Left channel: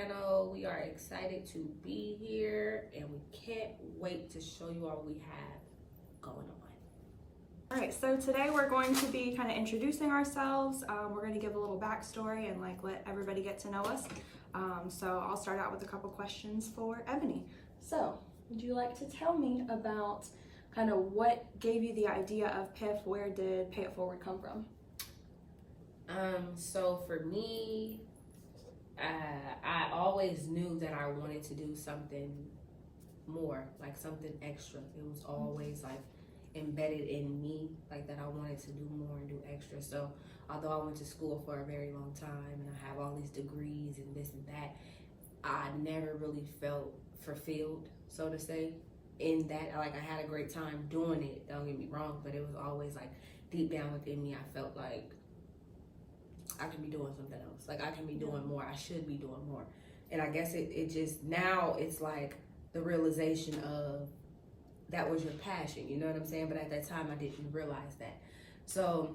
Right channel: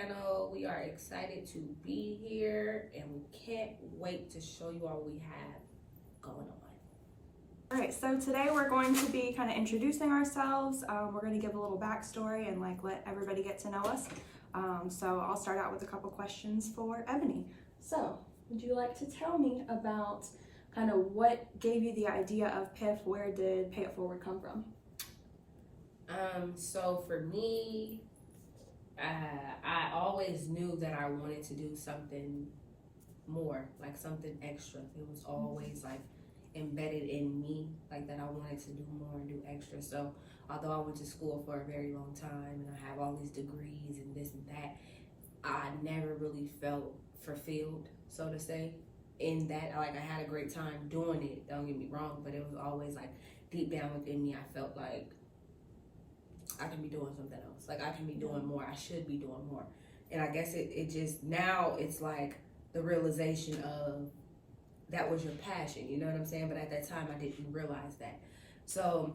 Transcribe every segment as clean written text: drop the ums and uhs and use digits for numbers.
channel. We are excited to be here and we can't wait to show you all what we have going on. All right, so today we're going to be kind of introducing ourselves. We're going to give a little backstory and like let everybody get to know us. So I'll start out with a couple questions for Ebony. So would you like to tell me about kind of what gave you the idea of PIF? Where did Pay It Forward come from? So for me, I always knew that I wanted to do something more, like something extra. It was always like embedded in me, like that I wanted to do more and do extra. So although I went to school for a very long time and I have all these degrees and this and that, I never really felt fulfilled, so to say, in that. Like, I had a great time doing it, don't get me wrong, but it was always like deep down within me, I felt like I can be doing something else. Like, I can be doing more. I should be doing more. And I guess it just, now it's like the realization of that was your passion, you know what I'm saying? But at that time, I didn't realize that. So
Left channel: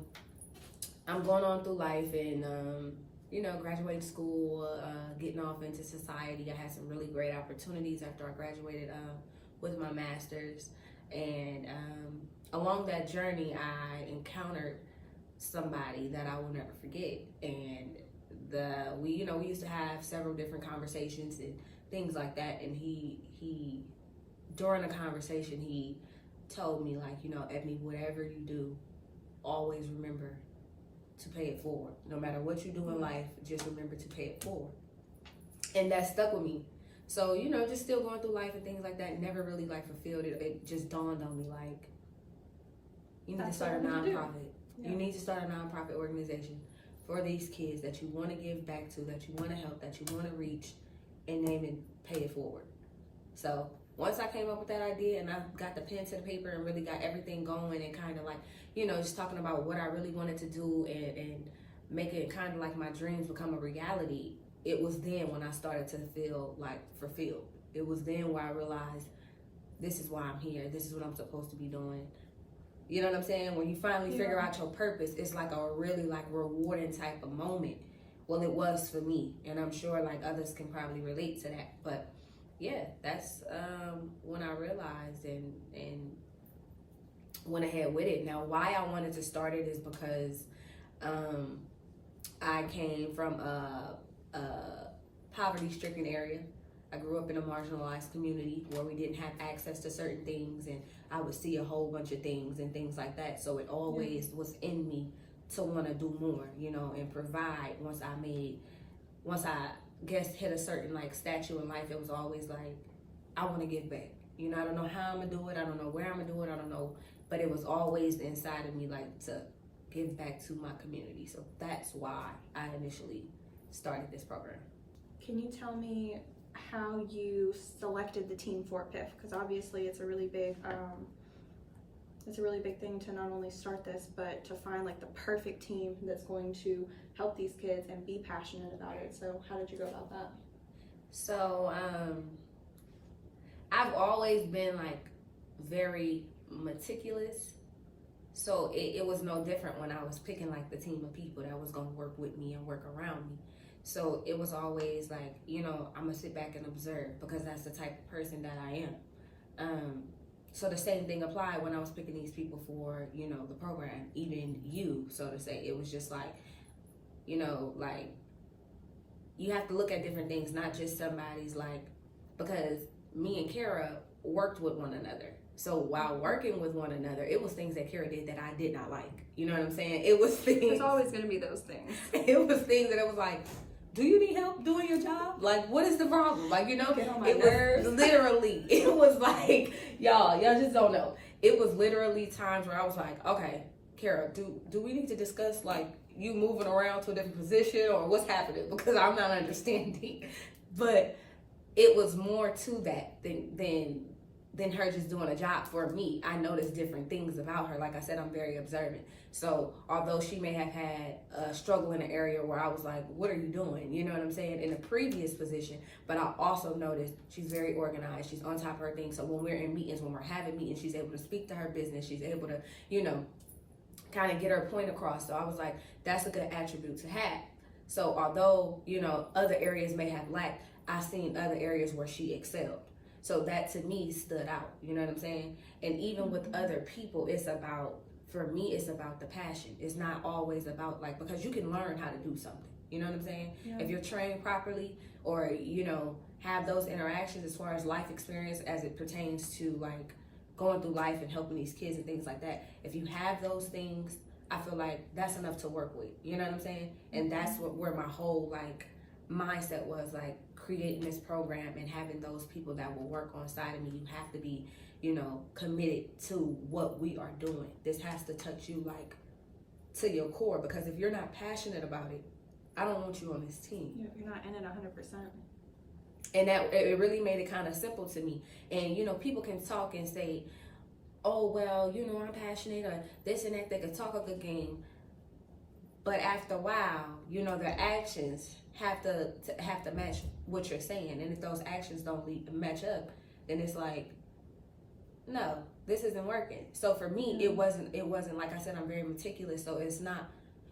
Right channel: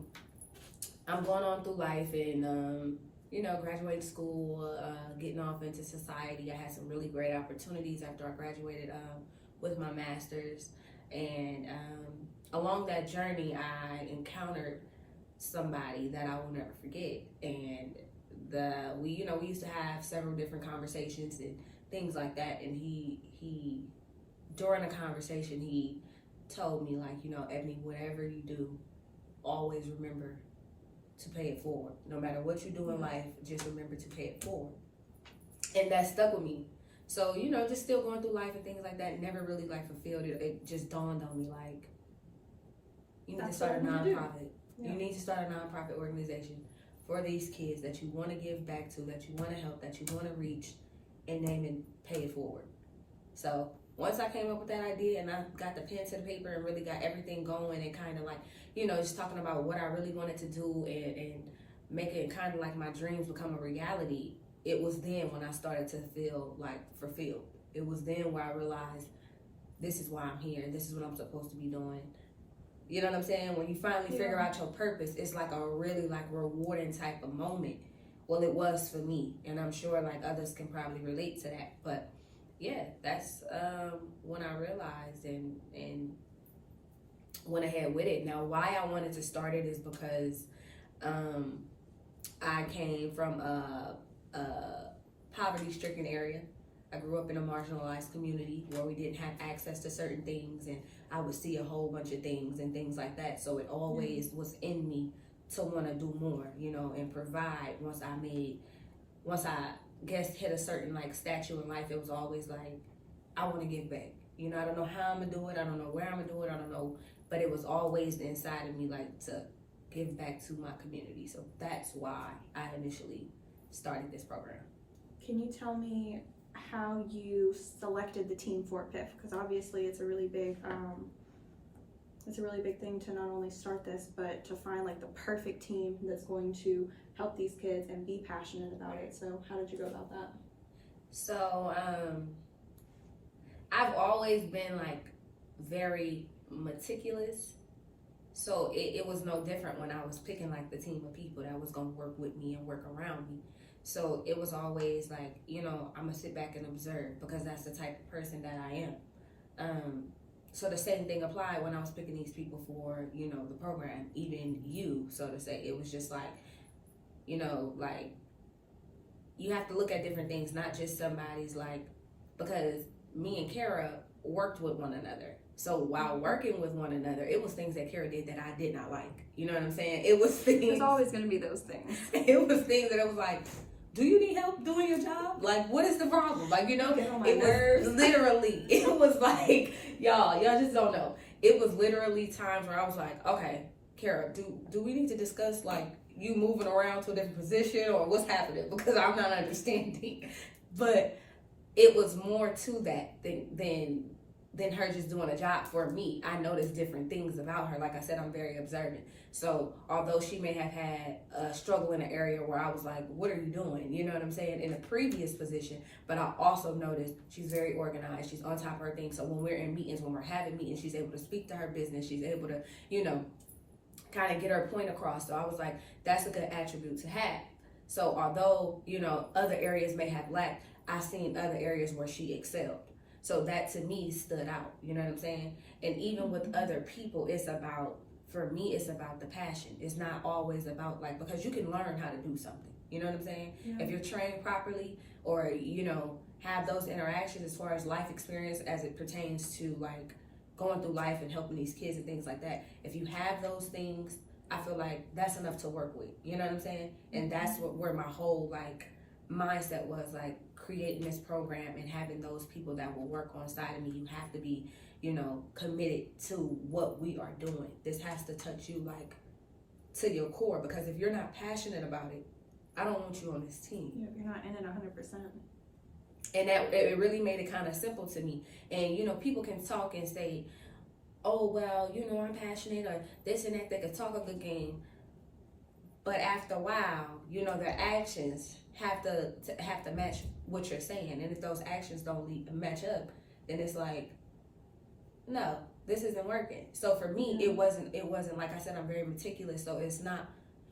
I'm going on through life and, you know, graduating school, getting off into society. I had some really great opportunities after I graduated with my master's. And along that journey, I encountered somebody that I will never forget. And we used to have several different conversations and things like that. And he during the conversation, he told me, like, you know, Ebony, whatever you do, always remember to pay it forward. No matter what you do in life, just remember to pay it forward. And that stuck with me. So, you know, just still going through life and things like that, never really like fulfilled it. It just dawned on me, like, you need to start a nonprofit. Yeah. You need to start a nonprofit organization for these kids that you want to give back to, that you want to help, that you want to reach, and name and pay it forward. So once I came up with that idea and I got the pen to the paper and really got everything going and kind of like, you know, just talking about what I really wanted to do and make it kind of like my dreams become a reality, it was then when I started to feel like fulfilled. It was then where I realized this is why I'm here. This is what I'm supposed to be doing. You know what I'm saying? When you finally figure out your purpose, it's like a really like rewarding type of moment. Well, it was for me, and I'm sure like others can probably relate to that. But yeah, that's when I realized and went ahead with it. Now, why I wanted to start it is because I came from a poverty-stricken area. I grew up in a marginalized community where we didn't have access to certain things, and I would see a whole bunch of things and things like that. So it always was in me to want to do more, you know, and provide. Once I guess hit a certain like stature in life, it was always like, I want to give back. You know, I don't know how I'm gonna do it. I don't know where I'm gonna do it. I don't know, but it was always inside of me, like, to give back to my community. So that's why I initially started this program. Can you tell me how you selected the team for PIF? Because obviously it's a really big thing to not only start this, but to find like the perfect team that's going to help these kids and be passionate about it. So how did you go about that? So I've always been like very meticulous. So it was no different when I was picking like the team of people that was gonna work with me and work around me. So it was always like, you know, I'm gonna sit back and observe because that's the type of person that I am. So the same thing applied when I was picking these people for, you know, the program, even you, so to say. It was just like, you know, like, you have to look at different things, not just somebody's like, because me and Kara worked with one another. So while working with one another, it was things that Kara did that I did not like. You know what I'm saying? It was things. There's always going to be those things. It was things that I was like, do you need help doing your job? Like, what is the problem? Like, you know, Get on my it nerves. was literally, it was like, y'all just don't know. It was literally times where I was like, okay, Kara, do we need to discuss like you moving around to a different position or what's happening? Because I'm not understanding. But it was more to that than her just doing a job for me. I noticed different things about her. Like I said, I'm very observant. So although she may have had a struggle in an area where I was like, what are you doing? You know what I'm saying? In a previous position, but I also noticed she's very organized. She's on top of her things. So when we're in meetings, when we're having meetings, she's able to speak to her business. She's able to, you know, kind of get her point across. So I was like, that's a good attribute to have. So although, you know, other areas may have lacked, I seen other areas where she excelled. So that to me stood out. You know what I'm saying? And even with other people, it's about, for me, it's about the passion. It's not always about like, because you can learn how to do something. You know what I'm saying? Yeah. If you're trained properly, or, you know, have those interactions as far as life experience as it pertains to like going through life and helping these kids and things like that. If you have those things, I feel like that's enough to work with. You know what I'm saying? And that's where my whole like mindset was, like creating this program and having those people that will work on side of me. You have to be, you know, committed to what we are doing. This has to touch you like to your core, because if you're not passionate about it, I don't want you on this team. You're not in it 100%. And that it really made it kind of simple to me. And you know, people can talk and say, oh well, you know, I'm passionate or this and that. They could talk a good game, but after a while, you know, their actions have to match what you're saying. And if those actions don't match up, then it's like, no, this isn't working. So for me, it wasn't like I said, I'm very meticulous. So it's not,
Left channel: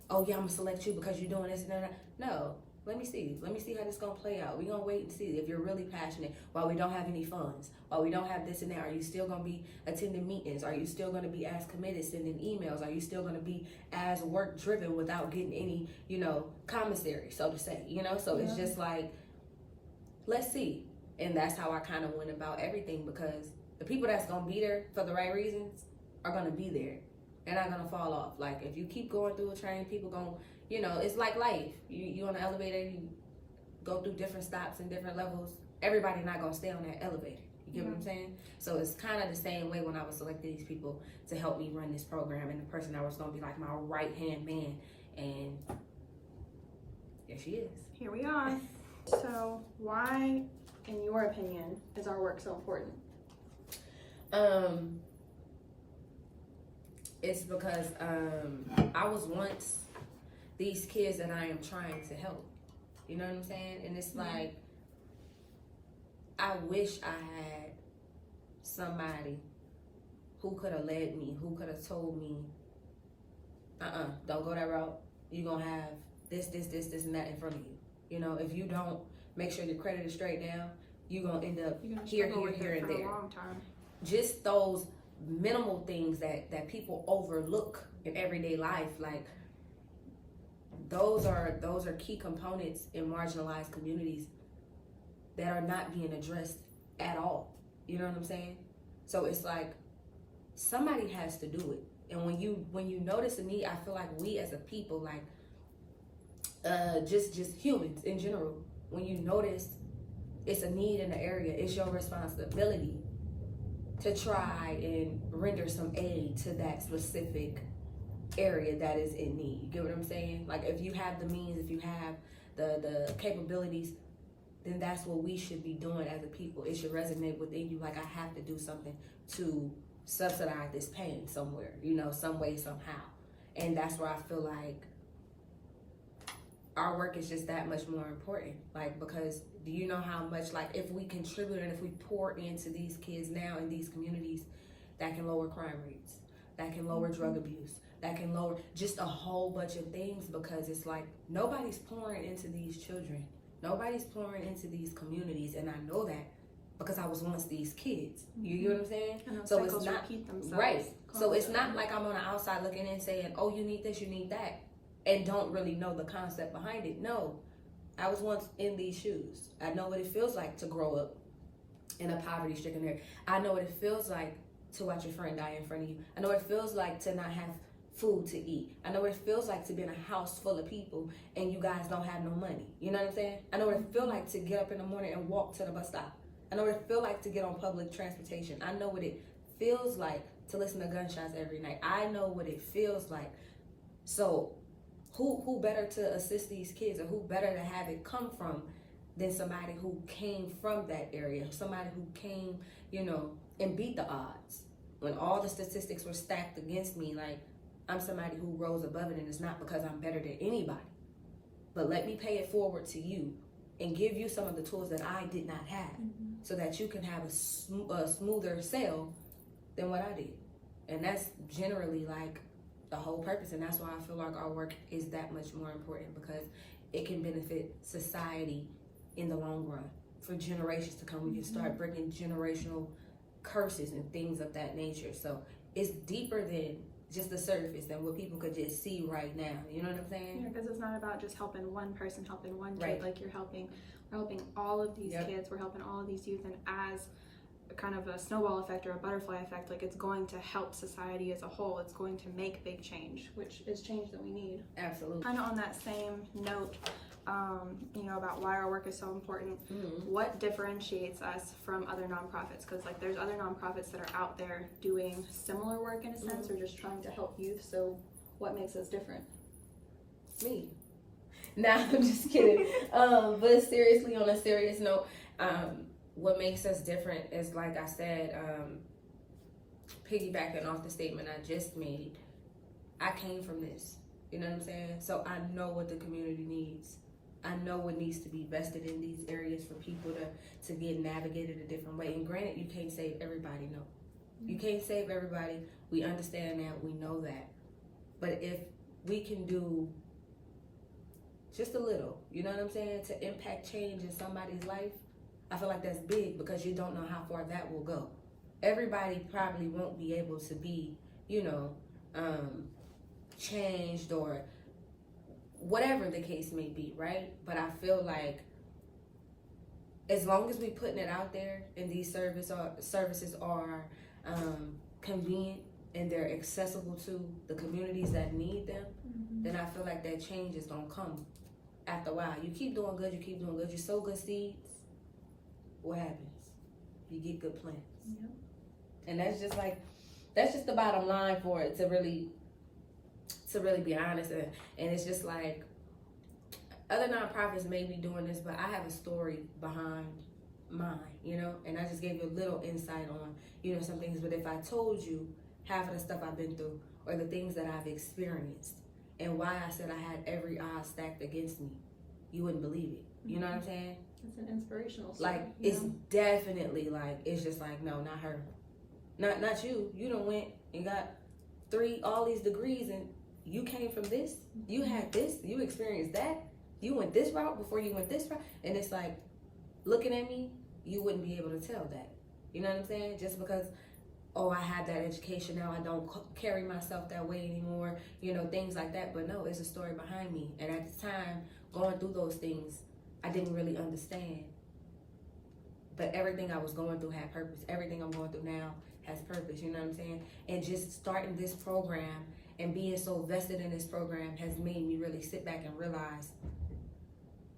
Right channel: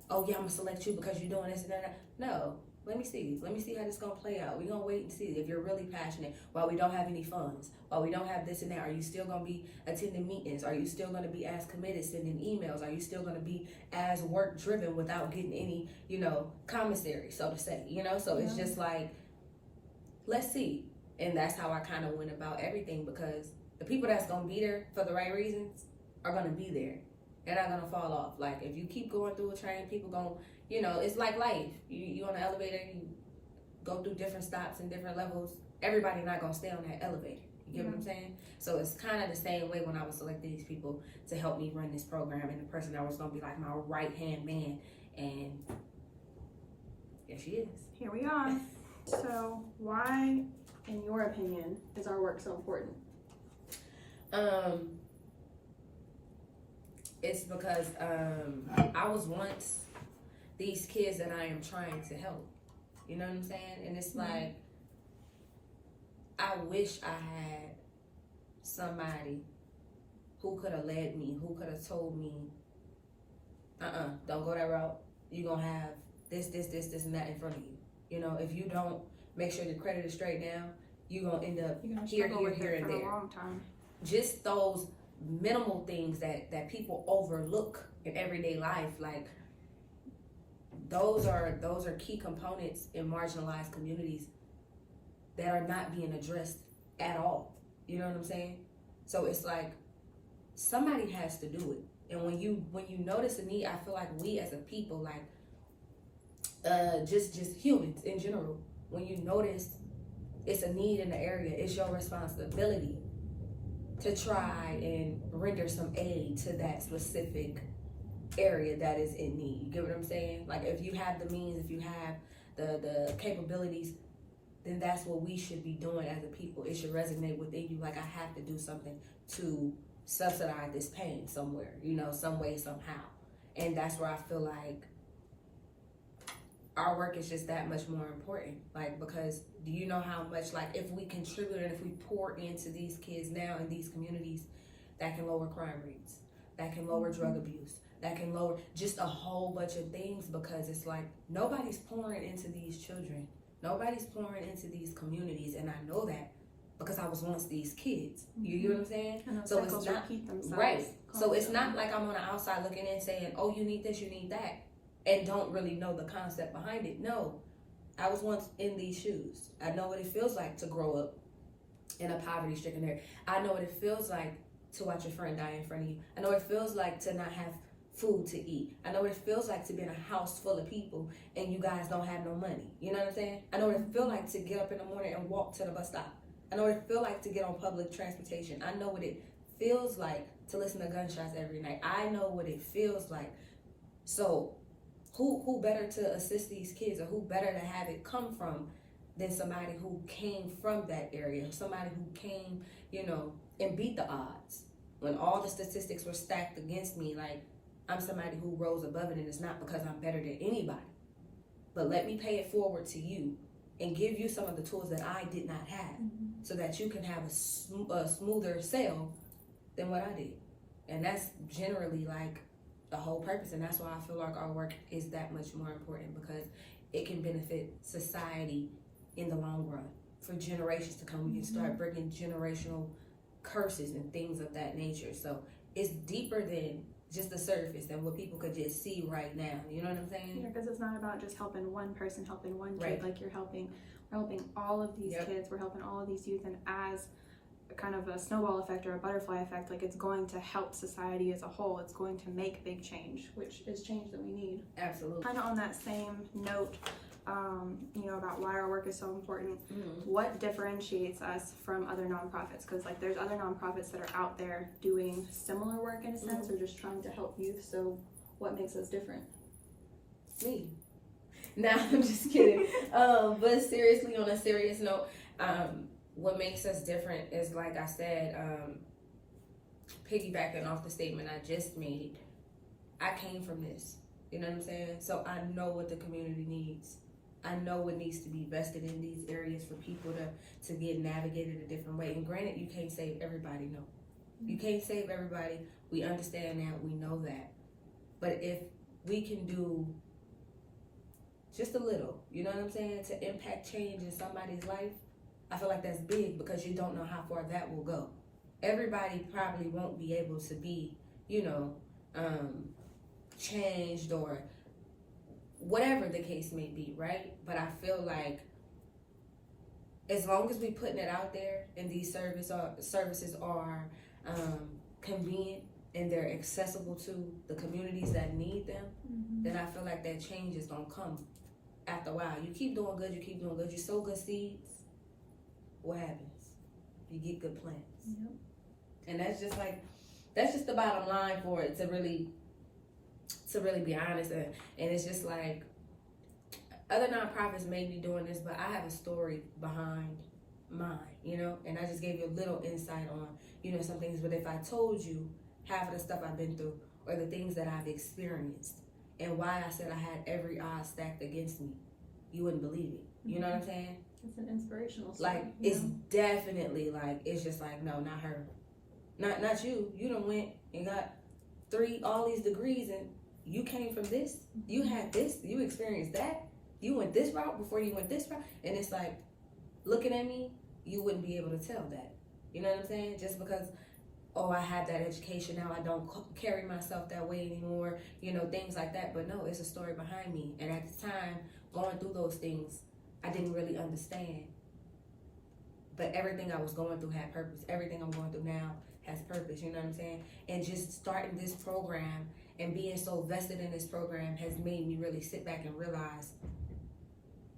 oh yeah, I'm gonna select you because you're doing this and that. No, let me see how this gonna play out. We're gonna wait and see if you're really passionate. While we don't have any funds, while we don't have this and that, are you still gonna be attending meetings? Are you still gonna be as committed, sending emails? Are you still gonna be as work driven without getting any, you know, commissary, so to say, you know? So it's just like, let's see. And that's how I kind of went about everything, because the people that's gonna be there for the right reasons are gonna be there. They're not gonna fall off. Like if you keep going through a train, people gonna, you know, it's like life. You on the elevator, you go through different stops and different levels. Everybody not gonna stay on that elevator. You get what I'm saying? So it's kind of the same way when I was selecting these people to help me run this program, and the person that was gonna be like my right hand man, and there she is. Here we are. So why, in your opinion, is our work so important? It's because I was once these kids that I am trying to help. You know what I'm saying? And it's like, I wish I had somebody who could have led me, who could have told me, don't go that route. You're gonna have this, and that in front of you. You know, if you don't make sure your credit is straight now, you're gonna end up here, and there. For a long time. Just those minimal things that people overlook in everyday life, like those are key components in marginalized communities that are not being addressed at all. You know what I'm saying? So it's like somebody has to do it. And when you notice a need, I feel like we as a people, like just humans in general, when you notice it's a need in the area, it's your responsibility to try and render some aid to that specific area that is in need. You get what I'm saying? Like if you have the means, if you have the capabilities, then that's what we should be doing as a people. It should resonate within you, like I have to do something to subsidize this pain somewhere, you know, some way, somehow. And that's where I feel like our work is just that much more important. Like, because do you know how much, like, if we contribute and if we pour into these kids now in these communities, that can lower crime rates, that can lower drug abuse, that can lower just a whole bunch of things, because it's like nobody's pouring into these children. Nobody's pouring into these communities, and I know that because I was once these kids. You get what I'm saying? And those so cycles it's not repeat themselves. Right. So it's not like I'm on the outside looking in saying, oh, you need this, you need that, and don't really know the concept behind it. No, I was once in these shoes. I know what it feels like to grow up in a poverty-stricken area. I know what it feels like to watch your friend die in front of you. I know what it feels like to not have food to eat. I know what it feels like to be in a house full of people and you guys don't have no money. You know what I'm saying? I know what it feels like to get up in the morning and walk to the bus stop. I know what it feels like to get on public transportation. I know what it feels like to listen to gunshots every night. I know what it feels like. So who better to assist these kids, or who better to have it come from than somebody who came from that area, somebody who came, you know, and beat the odds. When all the statistics were stacked against me, like, I'm somebody who rose above it, and it's not because I'm better than anybody. But let me pay it forward to you and give you some of the tools that I did not have, so that you can have a smoother sail than what I did. And that's generally like the whole purpose. And that's why I feel like our work is that much more important, because it can benefit society in the long run. for generations to come. We can start breaking generational curses and things of that nature. So it's deeper than just the surface than what people could just see right now. You know what I'm saying? Yeah, because it's not about just helping one person, helping one kid. Right. Like we're helping all of these kids. We're helping all of these youth, and as a kind of a snowball effect or a butterfly effect, like it's going to help society as a whole. It's going to make big change, which is change that we need. Absolutely. Kind of on that same note, you know, about why our work is so important. What differentiates us from other nonprofits? Because like there's other nonprofits that are out there doing similar work in a sense, or just trying to help youth. So what makes us different? Me. Nah, I'm just kidding. But seriously, on a serious note, what makes us different is, like I said, piggybacking off the statement I just made, I came from this. You know what I'm saying? So I know what the community needs. I know what needs to be vested in these areas for people to get navigated a different way. And granted, you can't save everybody, no. You can't save everybody. We understand that. We know that. But if we can do just a little, you know what I'm saying, to impact change in somebody's life, I feel like that's big, because you don't know how far that will go. Everybody probably won't be able to be, you know, changed or whatever the case may be, right? But I feel like as long as we putting it out there and these services are convenient and they're accessible to the communities that need them, then I feel like that change is gonna come after a while. You keep doing good, you sow good seeds, what happens? You get good plants. Yep. And that's just the bottom line for it, to really be honest. And it's just like, other nonprofits may be doing this, but I have a story behind mine, you know, and I just gave you a little insight on, you know, some things. But if I told you half of the stuff I've been through, or the things that I've experienced, and why I said I had every odds stacked against me, you wouldn't believe it. You know what I'm saying? It's an inspirational story. Like, it's definitely like, it's just like, no, not her. Not you. You done went and got all these degrees, and you came from this. You had this. You experienced that. You went this route before you went this route. And it's like, looking at me, you wouldn't be able to tell that. You know what I'm saying? Just because, oh, I had that education, now I don't carry myself that way anymore, you know, things like that. But no, it's a story behind me. And at the time, going through those things, I didn't really understand. But everything I was going through had purpose. Everything I'm going through now has purpose, you know what I'm saying? And just starting this program and being so vested in this program has made me really sit back and realize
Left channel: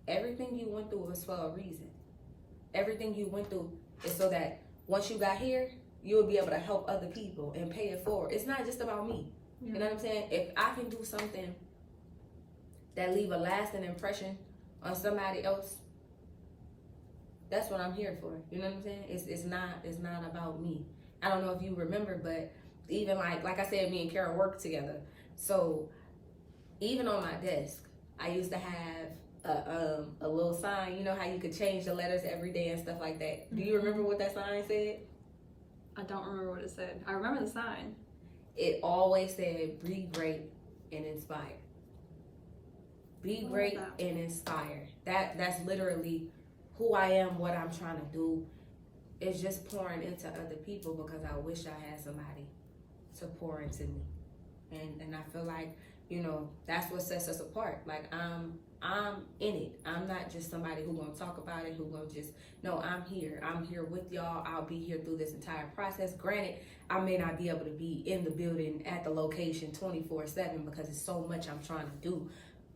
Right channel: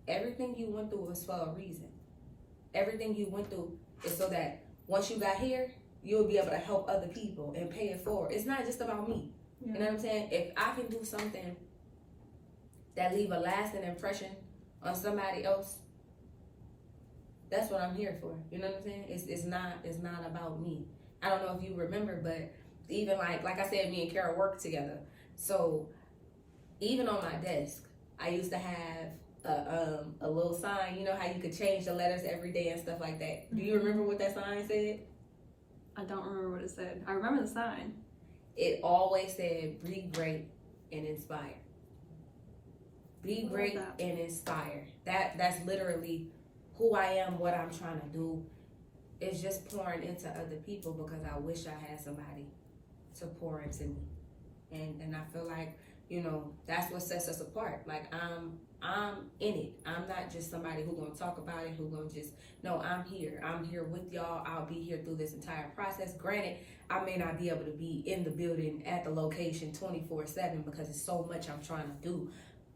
everything you went through was for a reason. Everything you went through is so that once you got here, you'll be able to help other people and pay it forward. It's not just about me. You know what I'm saying? If I can do something that leave a lasting impression on somebody else, that's what I'm here for. You know what I'm saying? It's not about me. I don't know if you remember, but even like I said, me and Kara worked together. So even on my desk, I used to have a little sign. You know how you could change the letters every day and stuff like that. Do you remember what that sign said? I don't remember what it said. I remember the sign. It always said, "Be great and inspire." Be great and inspire. That's literally who I am, what I'm trying to do. It's just pouring into other people, because I wish I had somebody to pour into me. And I feel like, you know, that's what sets us apart. Like, I'm in it. I'm not just somebody who's gonna talk about it, who's gonna just, no, I'm here. I'm here with y'all. I'll be here through this entire process. Granted, I may not be able to be in the building at the location 24/7 because it's so much I'm trying to do.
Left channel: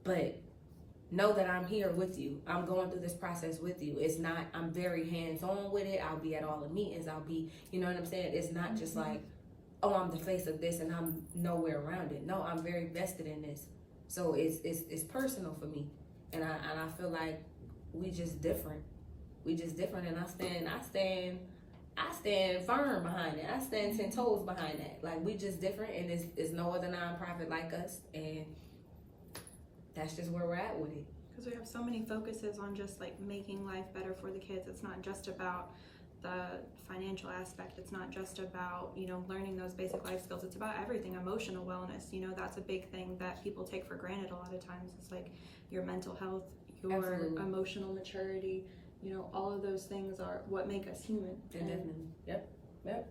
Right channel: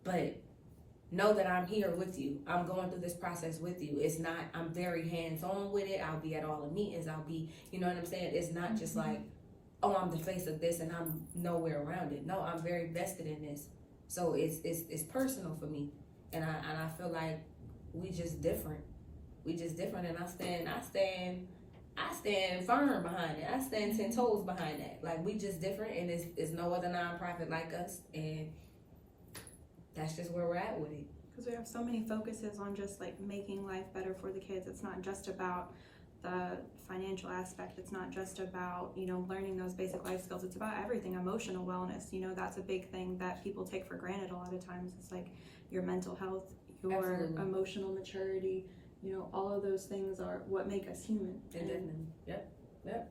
But know that I'm here with you. I'm going through this process with you. It's not, I'm very hands-on with it. I'll be at all the meetings. I'll be, you know what I'm saying? It's not just like, oh, I'm the face of this and I'm nowhere around it. No, I'm very vested in this. So it's personal for me. And I feel like we just different. We just different, and I stand firm behind it. I stand 10 toes behind that. Like, we just different, and there's no other nonprofit like us, and that's just where we're at with it. Because we have so many focuses on just like making life better for the kids. It's not just about the financial aspect. It's not just about, you know, learning those basic life skills. It's about everything. Emotional wellness, you know, that's a big thing that people take for granted a lot of times. It's like your mental health, your Absolutely. emotional maturity, you know, all of those things are what make us human. Definitely. Yep.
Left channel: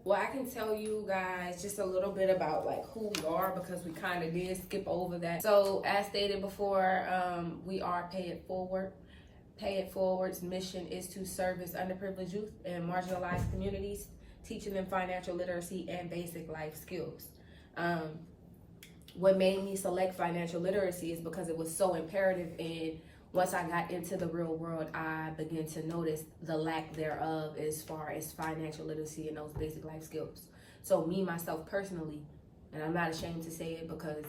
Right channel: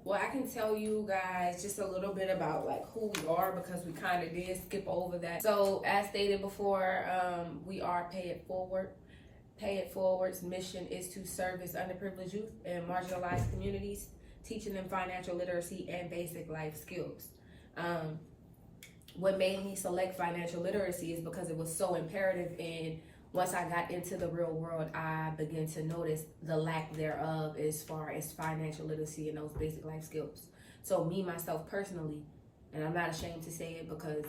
Well, I can tell you guys just a little bit about like who we are, because we kind of did skip over that. So as stated before, we are Pay It Forward. Pay It Forward's mission is to service underprivileged youth and marginalized communities, teaching them financial literacy and basic life skills. What made me select financial literacy is because it was so imperative, and once I got into the real world, I began to notice the lack thereof as far as financial literacy and those basic life skills. So me, myself personally, and I'm not ashamed to say it because,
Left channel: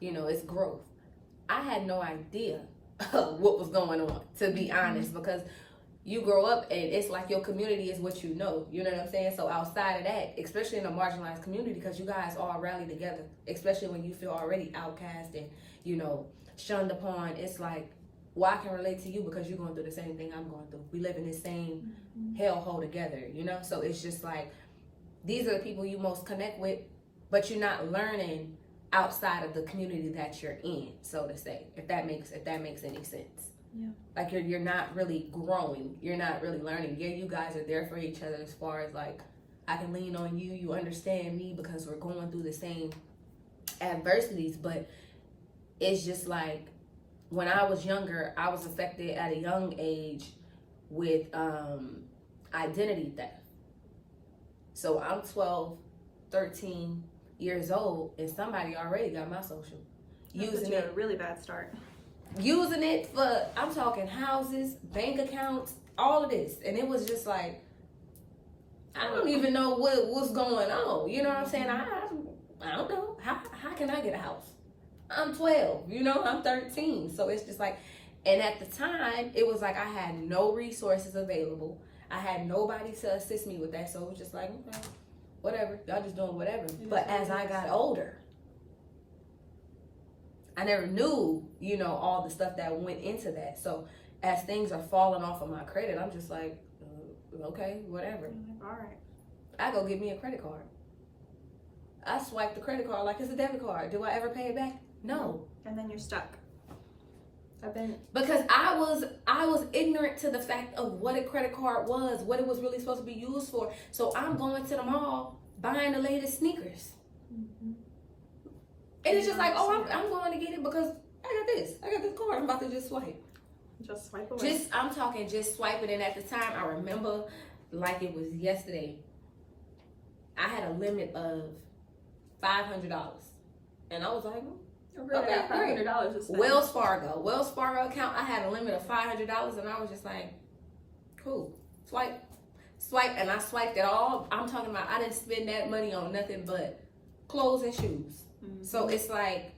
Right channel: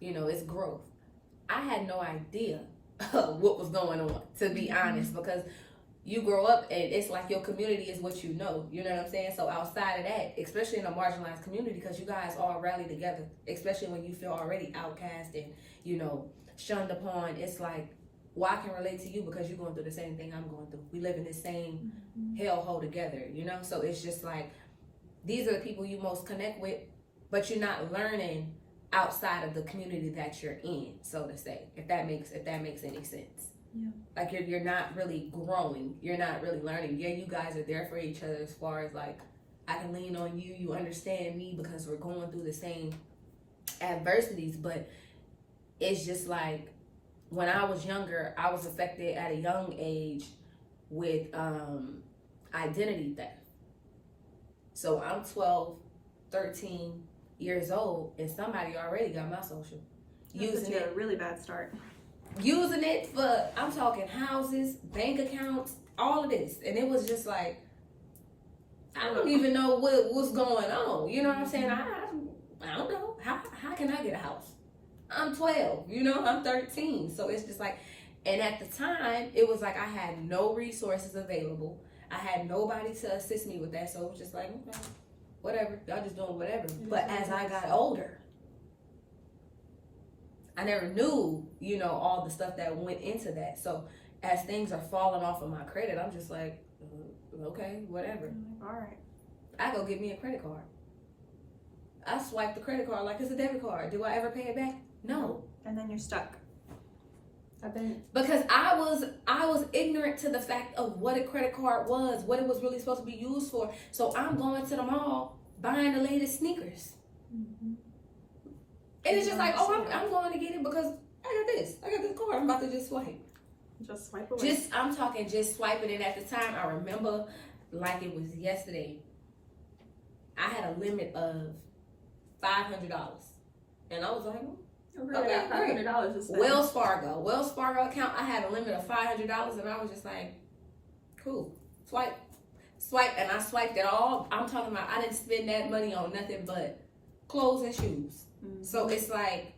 you know, it's growth. I had no idea what was going on, to be honest, because you grow up and it's like your community is what you know what I'm saying? So outside of that, especially in a marginalized community, because you guys all rally together, especially when you feel already outcast and, you know, shunned upon, it's like, well, I can relate to you because you're going through the same thing I'm going through. We live in this same hellhole together, you know? So it's just like, these are the people you most connect with, but you're not learning outside of the community that you're in, so to say, if that makes any sense. Yeah. Like you're not really growing. You're not really learning. Yeah, you guys are there for each other as far as like, I can lean on you. You understand me because we're going through the same adversities. But it's just like, when I was younger, I was affected at a young age with identity theft. So I'm 12, 13 years old, and somebody already got my social. Using it, a really bad start. Using it for, I'm talking houses, bank accounts, all of this. And it was just like, I don't even know what's going on. You know what I'm saying? I don't know. How can I get a house? I'm 12, you know, I'm 13. So it's just like, and at the time, it was like I had no resources available. I had nobody to assist me with that. So it was just like, okay, whatever, y'all just doing whatever. But as I got older, I never knew, you know, all the stuff that went into that. So as things are falling off of my credit, I'm just like, okay, whatever. All right. I go get me a credit card. I swipe the credit card like it's a debit card. Do I ever pay it back? No. And then you're stuck. Because I was ignorant to the fact of what a credit card was, what it was really supposed to be used for. So I'm going to the mall buying the latest sneakers. And it's just like, oh, I'm going to get it because I got this card. I'm about to just swipe. Just swipe away. I'm talking just swiping. And at the time, I remember like it was yesterday, I had a limit of $500. And I was like, okay, $500 to spend. Wells Fargo account, I had a limit of $500, and I was just like, cool, swipe, and I swiped it all. I'm talking about, I didn't spend that money on nothing but clothes and shoes. So it's like,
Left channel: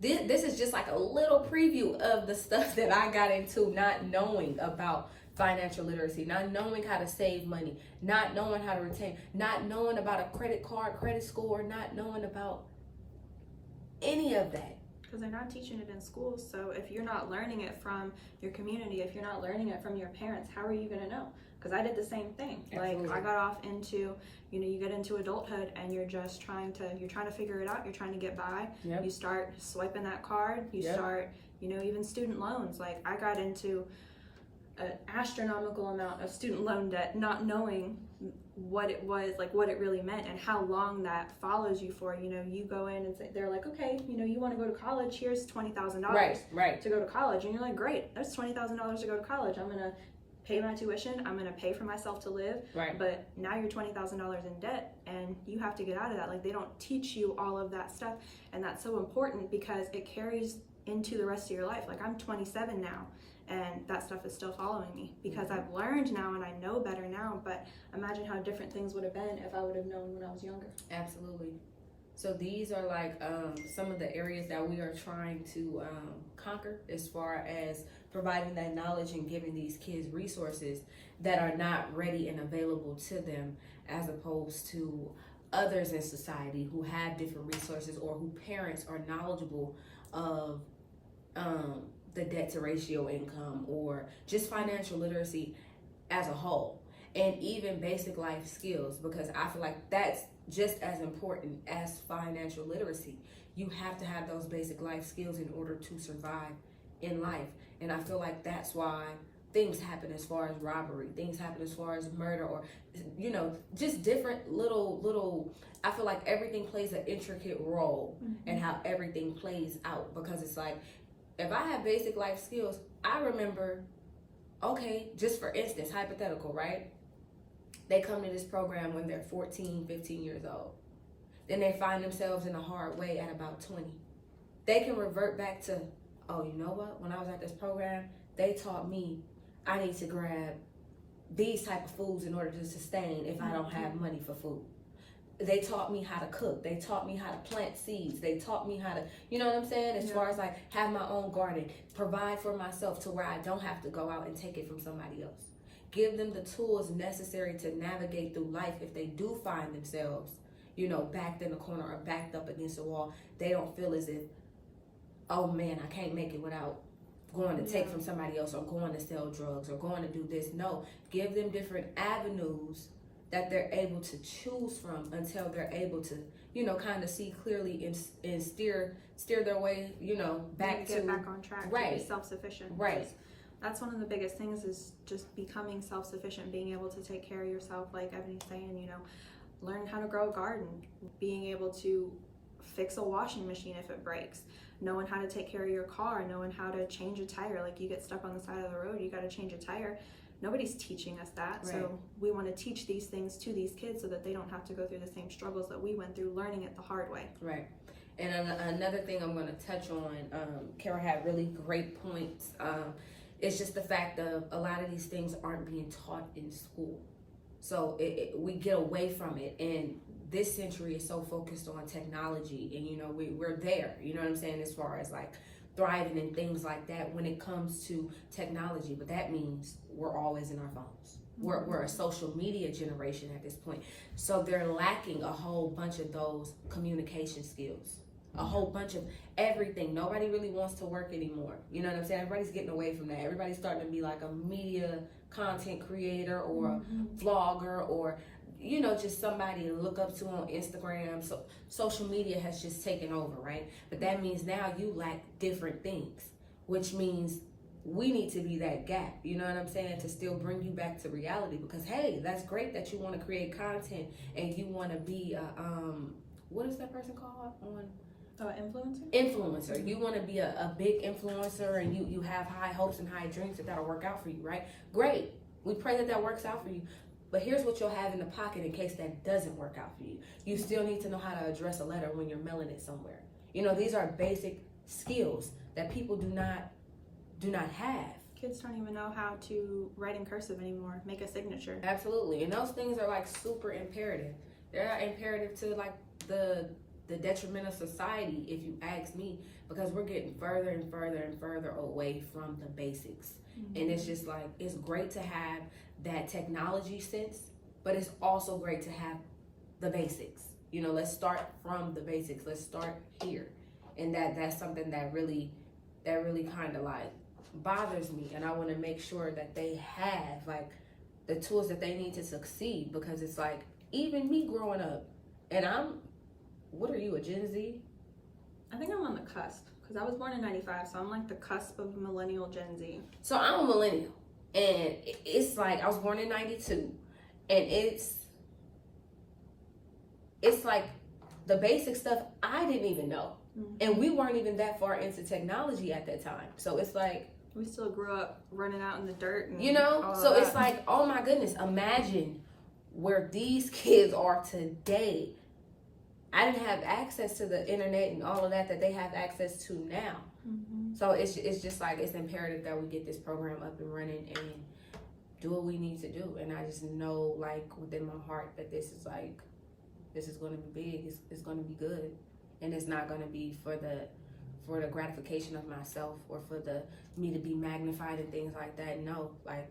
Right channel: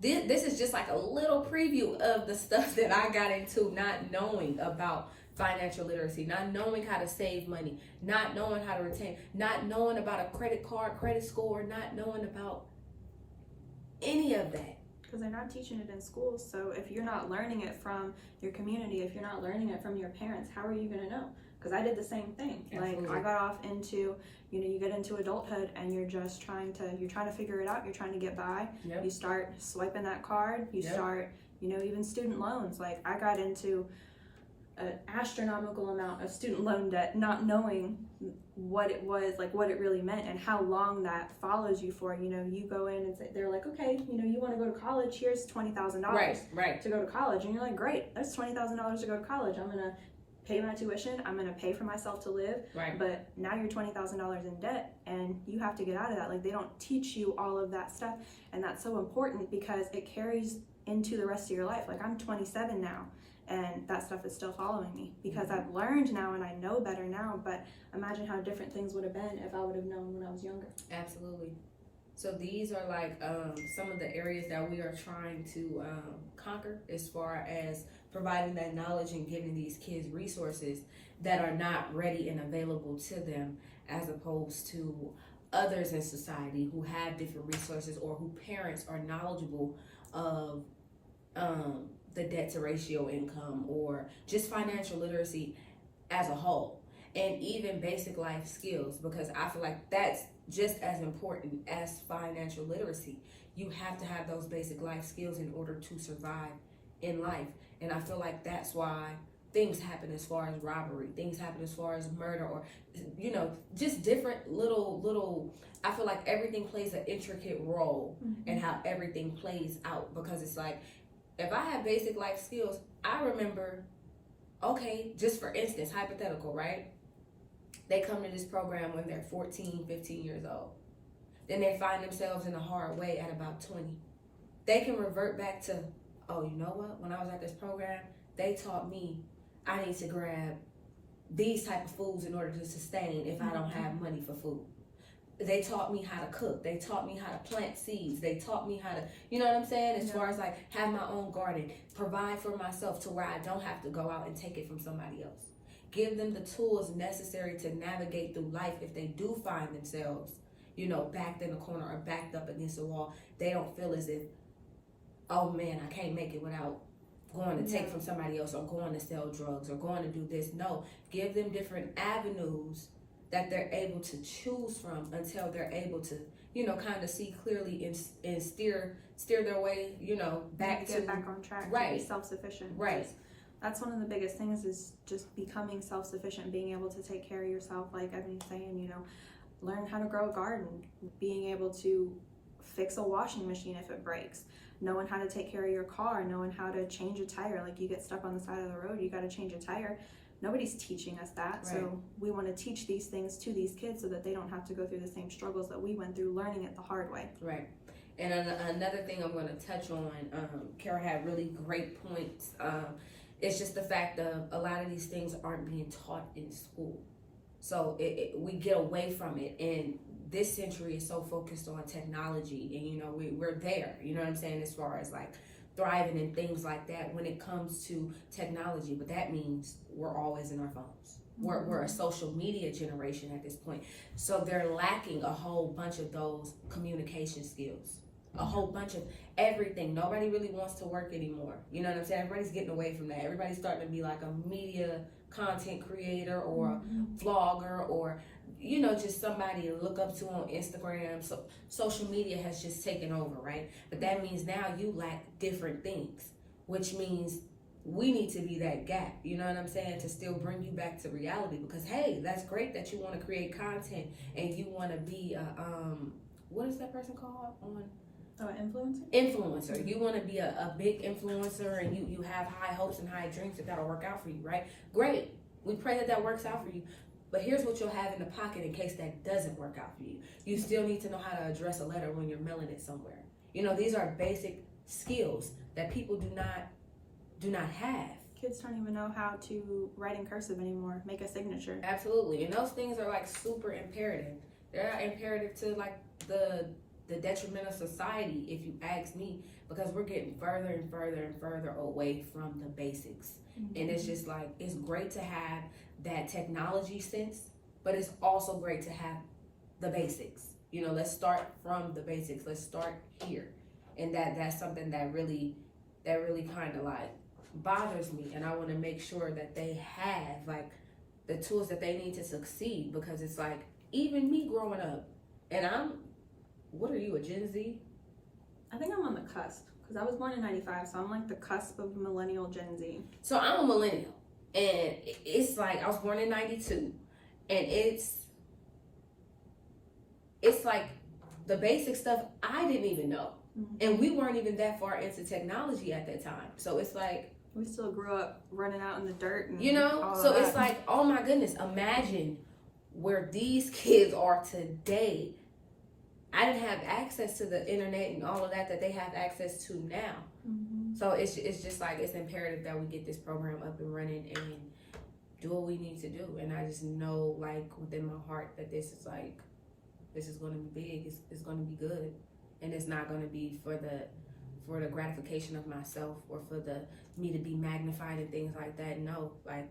this is just like a little preview of the stuff that I got into, not knowing about financial literacy, not knowing how to save money, not knowing how to retain, not knowing about a credit card, credit score, not knowing about any of that. Because they're not teaching it in schools. So if you're not learning it from your community, if you're not learning it from your parents, how are you going to know? Because I did the same thing. Absolutely. Like I got off into, you know, you get into adulthood and you're just trying to figure it out. You're trying to get by. Yep. You start swiping that card. You start, you know, even student loans. Like I got into an astronomical amount of student loan debt, not knowing what it was, like what it really meant and how long that follows you for. You know, you go in and say, they're like, okay, you know, you want to go to college, here's $20,000 right to go to college. And you're like, great, that's $20,000 to go to college. I'm going to pay my tuition, I'm going to pay for myself to live. Right. But now you're $20,000 in debt and you have to get out of that. Like they don't teach you all of that stuff. And that's so important because it carries into the rest of your life. Like I'm 27 now. And that stuff is still following me because I've learned now and I know better now. But imagine how different things would have been if I would have known when I was younger. Absolutely. So these are like some of the areas that we are trying to conquer as far as providing that knowledge and giving these kids resources that are not ready and available to them, as opposed to others in society who have different resources or who parents are knowledgeable of the debt to ratio income or just financial literacy as a whole, and even basic life skills, because I feel like that's just as important as financial literacy. You have to have those basic life skills in order to survive in life. And I feel like that's why things happen as far as robbery, things happen as far as murder, or, you know, just different little, I feel like everything plays an intricate role in how everything plays out, because it's like, if I have basic life skills, I remember, okay, just for instance, hypothetical, right? They come to this program when they're 14, 15 years old. Then they find themselves in a hard way at about 20. They can revert back to, oh, you know what? When I was at this program, they taught me I need to grab these type of foods in order to sustain if I don't have money for food. They taught me how to cook. They taught me how to plant seeds. They taught me how to, you know what I'm saying? As far as like have my own garden, provide for myself to where I don't have to go out and take it from somebody else. Give them the tools necessary to navigate through life if they do find themselves, you know, backed in a corner or backed up against a wall. They don't feel as if, oh man, I can't make it without going to take from somebody else or going to sell drugs or going to do this. No, give them different avenues that they're able to choose from until they're able to, you know, kind of see clearly and steer their way, you know, back to get back on track, to be self-sufficient. Right. That's one of the biggest things, is just becoming self-sufficient, being able to take care of yourself. Like Ebony's saying, you know, learn how to grow a garden, being able to fix a washing machine if it breaks, knowing how to take care of your car, knowing how to change a tire. Like you get stuck on the side of the road, you got to change a tire. Nobody's teaching us that. Right. So we want to teach these things to these kids so that they don't have to go through the same struggles that we went through learning it the hard way. Right. And another thing I'm going to touch on, Kara had really great points. It's just the fact of a lot of these things aren't being taught in school. So we get away from it. And this century is so focused on technology. And, you know, we're there, you know what I'm saying, as far as like thriving and things like that when it comes to technology. But that means we're always in our phones. We're a social media generation at this point. So they're lacking a whole bunch of those communication skills, a whole bunch of everything. Nobody really wants to work anymore. You know what I'm saying? Everybody's getting away from that. Everybody's starting to be like a media content creator or a vlogger, or, you know, just somebody to look up to on Instagram. So social media has just taken over, right? But that means now you lack different things, which means we need to be that gap, you know what I'm saying, to still bring you back to reality. Because hey, that's great that you want to create content and you want to be what is that person called on influencer. You want to be a big influencer, and you have high hopes and high dreams that'll work out for you, right? Great. We pray that works out for you. But here's what you'll have in the pocket in case that doesn't work out for you. You still need to know how to address a letter when you're mailing it somewhere. You know, these are basic skills that people do not have. Kids don't even know how to write in cursive anymore, make a signature. Absolutely. And those things are like super imperative. They're not imperative to like the detriment of society, if you ask me, because we're getting further and further and further away from the basics. And it's just like, it's great to have that technology sense, but it's also great to have the basics. You know, let's start from the basics. Let's start here. And that's something that really kind of like bothers me. And I want to make sure that they have like the tools that they need to succeed, because it's like, even me growing up, and what are you, a Gen Z? I think I'm on the cusp, because I was born in 95, so I'm like the cusp of millennial Gen Z. So I'm a millennial, and it's like, I was born in 92, and it's like the basic stuff I didn't even know. And we weren't even that far into technology at that time. So it's like, we still grew up running out in the dirt. And you know, so it's like, oh my goodness, imagine where these kids are today. I didn't have access to the internet and all of that they have access to now. So it's just like, it's imperative that we get this program up and running and do what we need to do. And I just know, like, within my heart that this is going to be big. It's going to be good. And it's not going to be for the gratification of myself or for me to be magnified and things like that. No, like,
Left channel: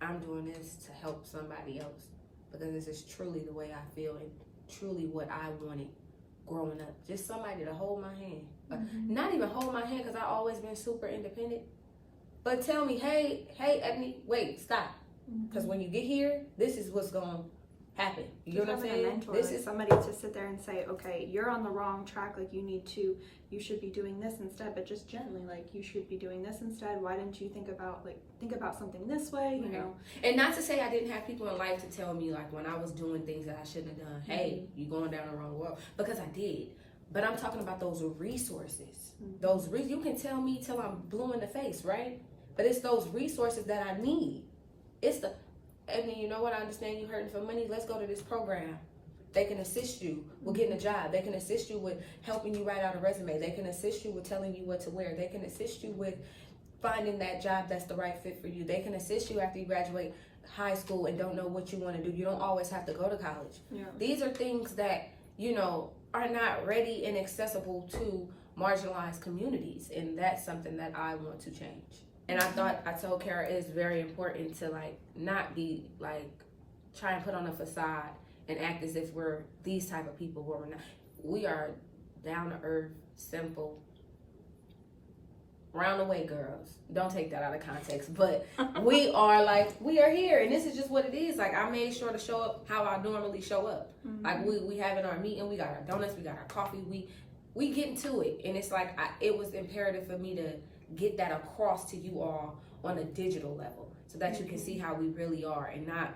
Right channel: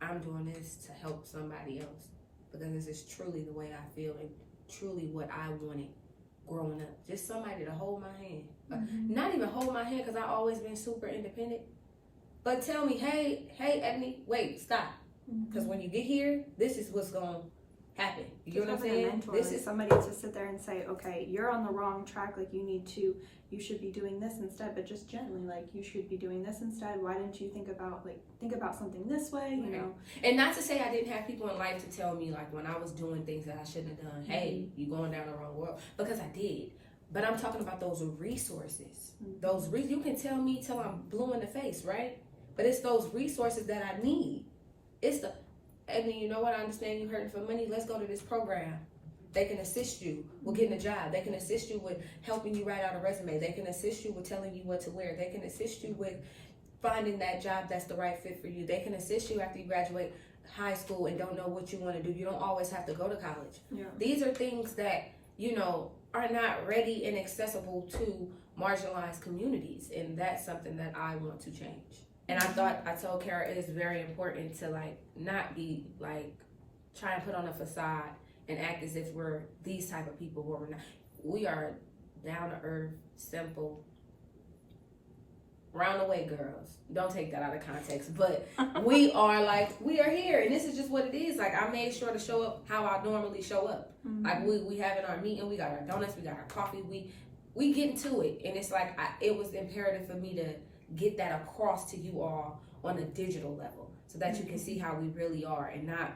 I'm doing this to help somebody else, because this is truly the way I feel and truly what I wanted growing up. Just somebody to hold my hand. Not even hold my hand, because I've always been super independent. But tell me, hey, Ebony, wait, stop. Because when you get here, this is what's going to happen. You know what I'm having saying? a mentor, like somebody to sit there and say, okay, you're on the wrong track, like you should be doing this instead, but just gently, like, you should be doing this instead. Why didn't you think about something this way, you know? And not to say I didn't have people in life to tell me, like, when I was doing things that I shouldn't have done, hey, you going down the wrong road, because I did. But I'm talking about those resources. You can tell me till I'm blue in the face, right? But it's those resources that I need. And you know what? I understand you hurting for money. Let's go to this program. They can assist you with getting a job. They can assist you with helping you write out a resume. They can assist you with telling you what to wear. They can assist you with finding that job that's the right fit for you. They can assist you after you graduate high school and don't know what you want to do. You don't always have to go to college. Yeah. These are things that, are not ready and accessible to marginalized communities. And that's something that I want to change. And I told Kara it's very important to not be trying to put on a facade and act as if we're these type of people who we're not. We are down to earth, simple, round the way girls. Don't take that out of context, but we are here, and this is just what it is. I made sure to show up how I normally show up. We having our meeting, we got our donuts, we got our coffee, we get into it, and it's it was imperative for me to get that across to you all on a digital level so that you can see how we really are and not,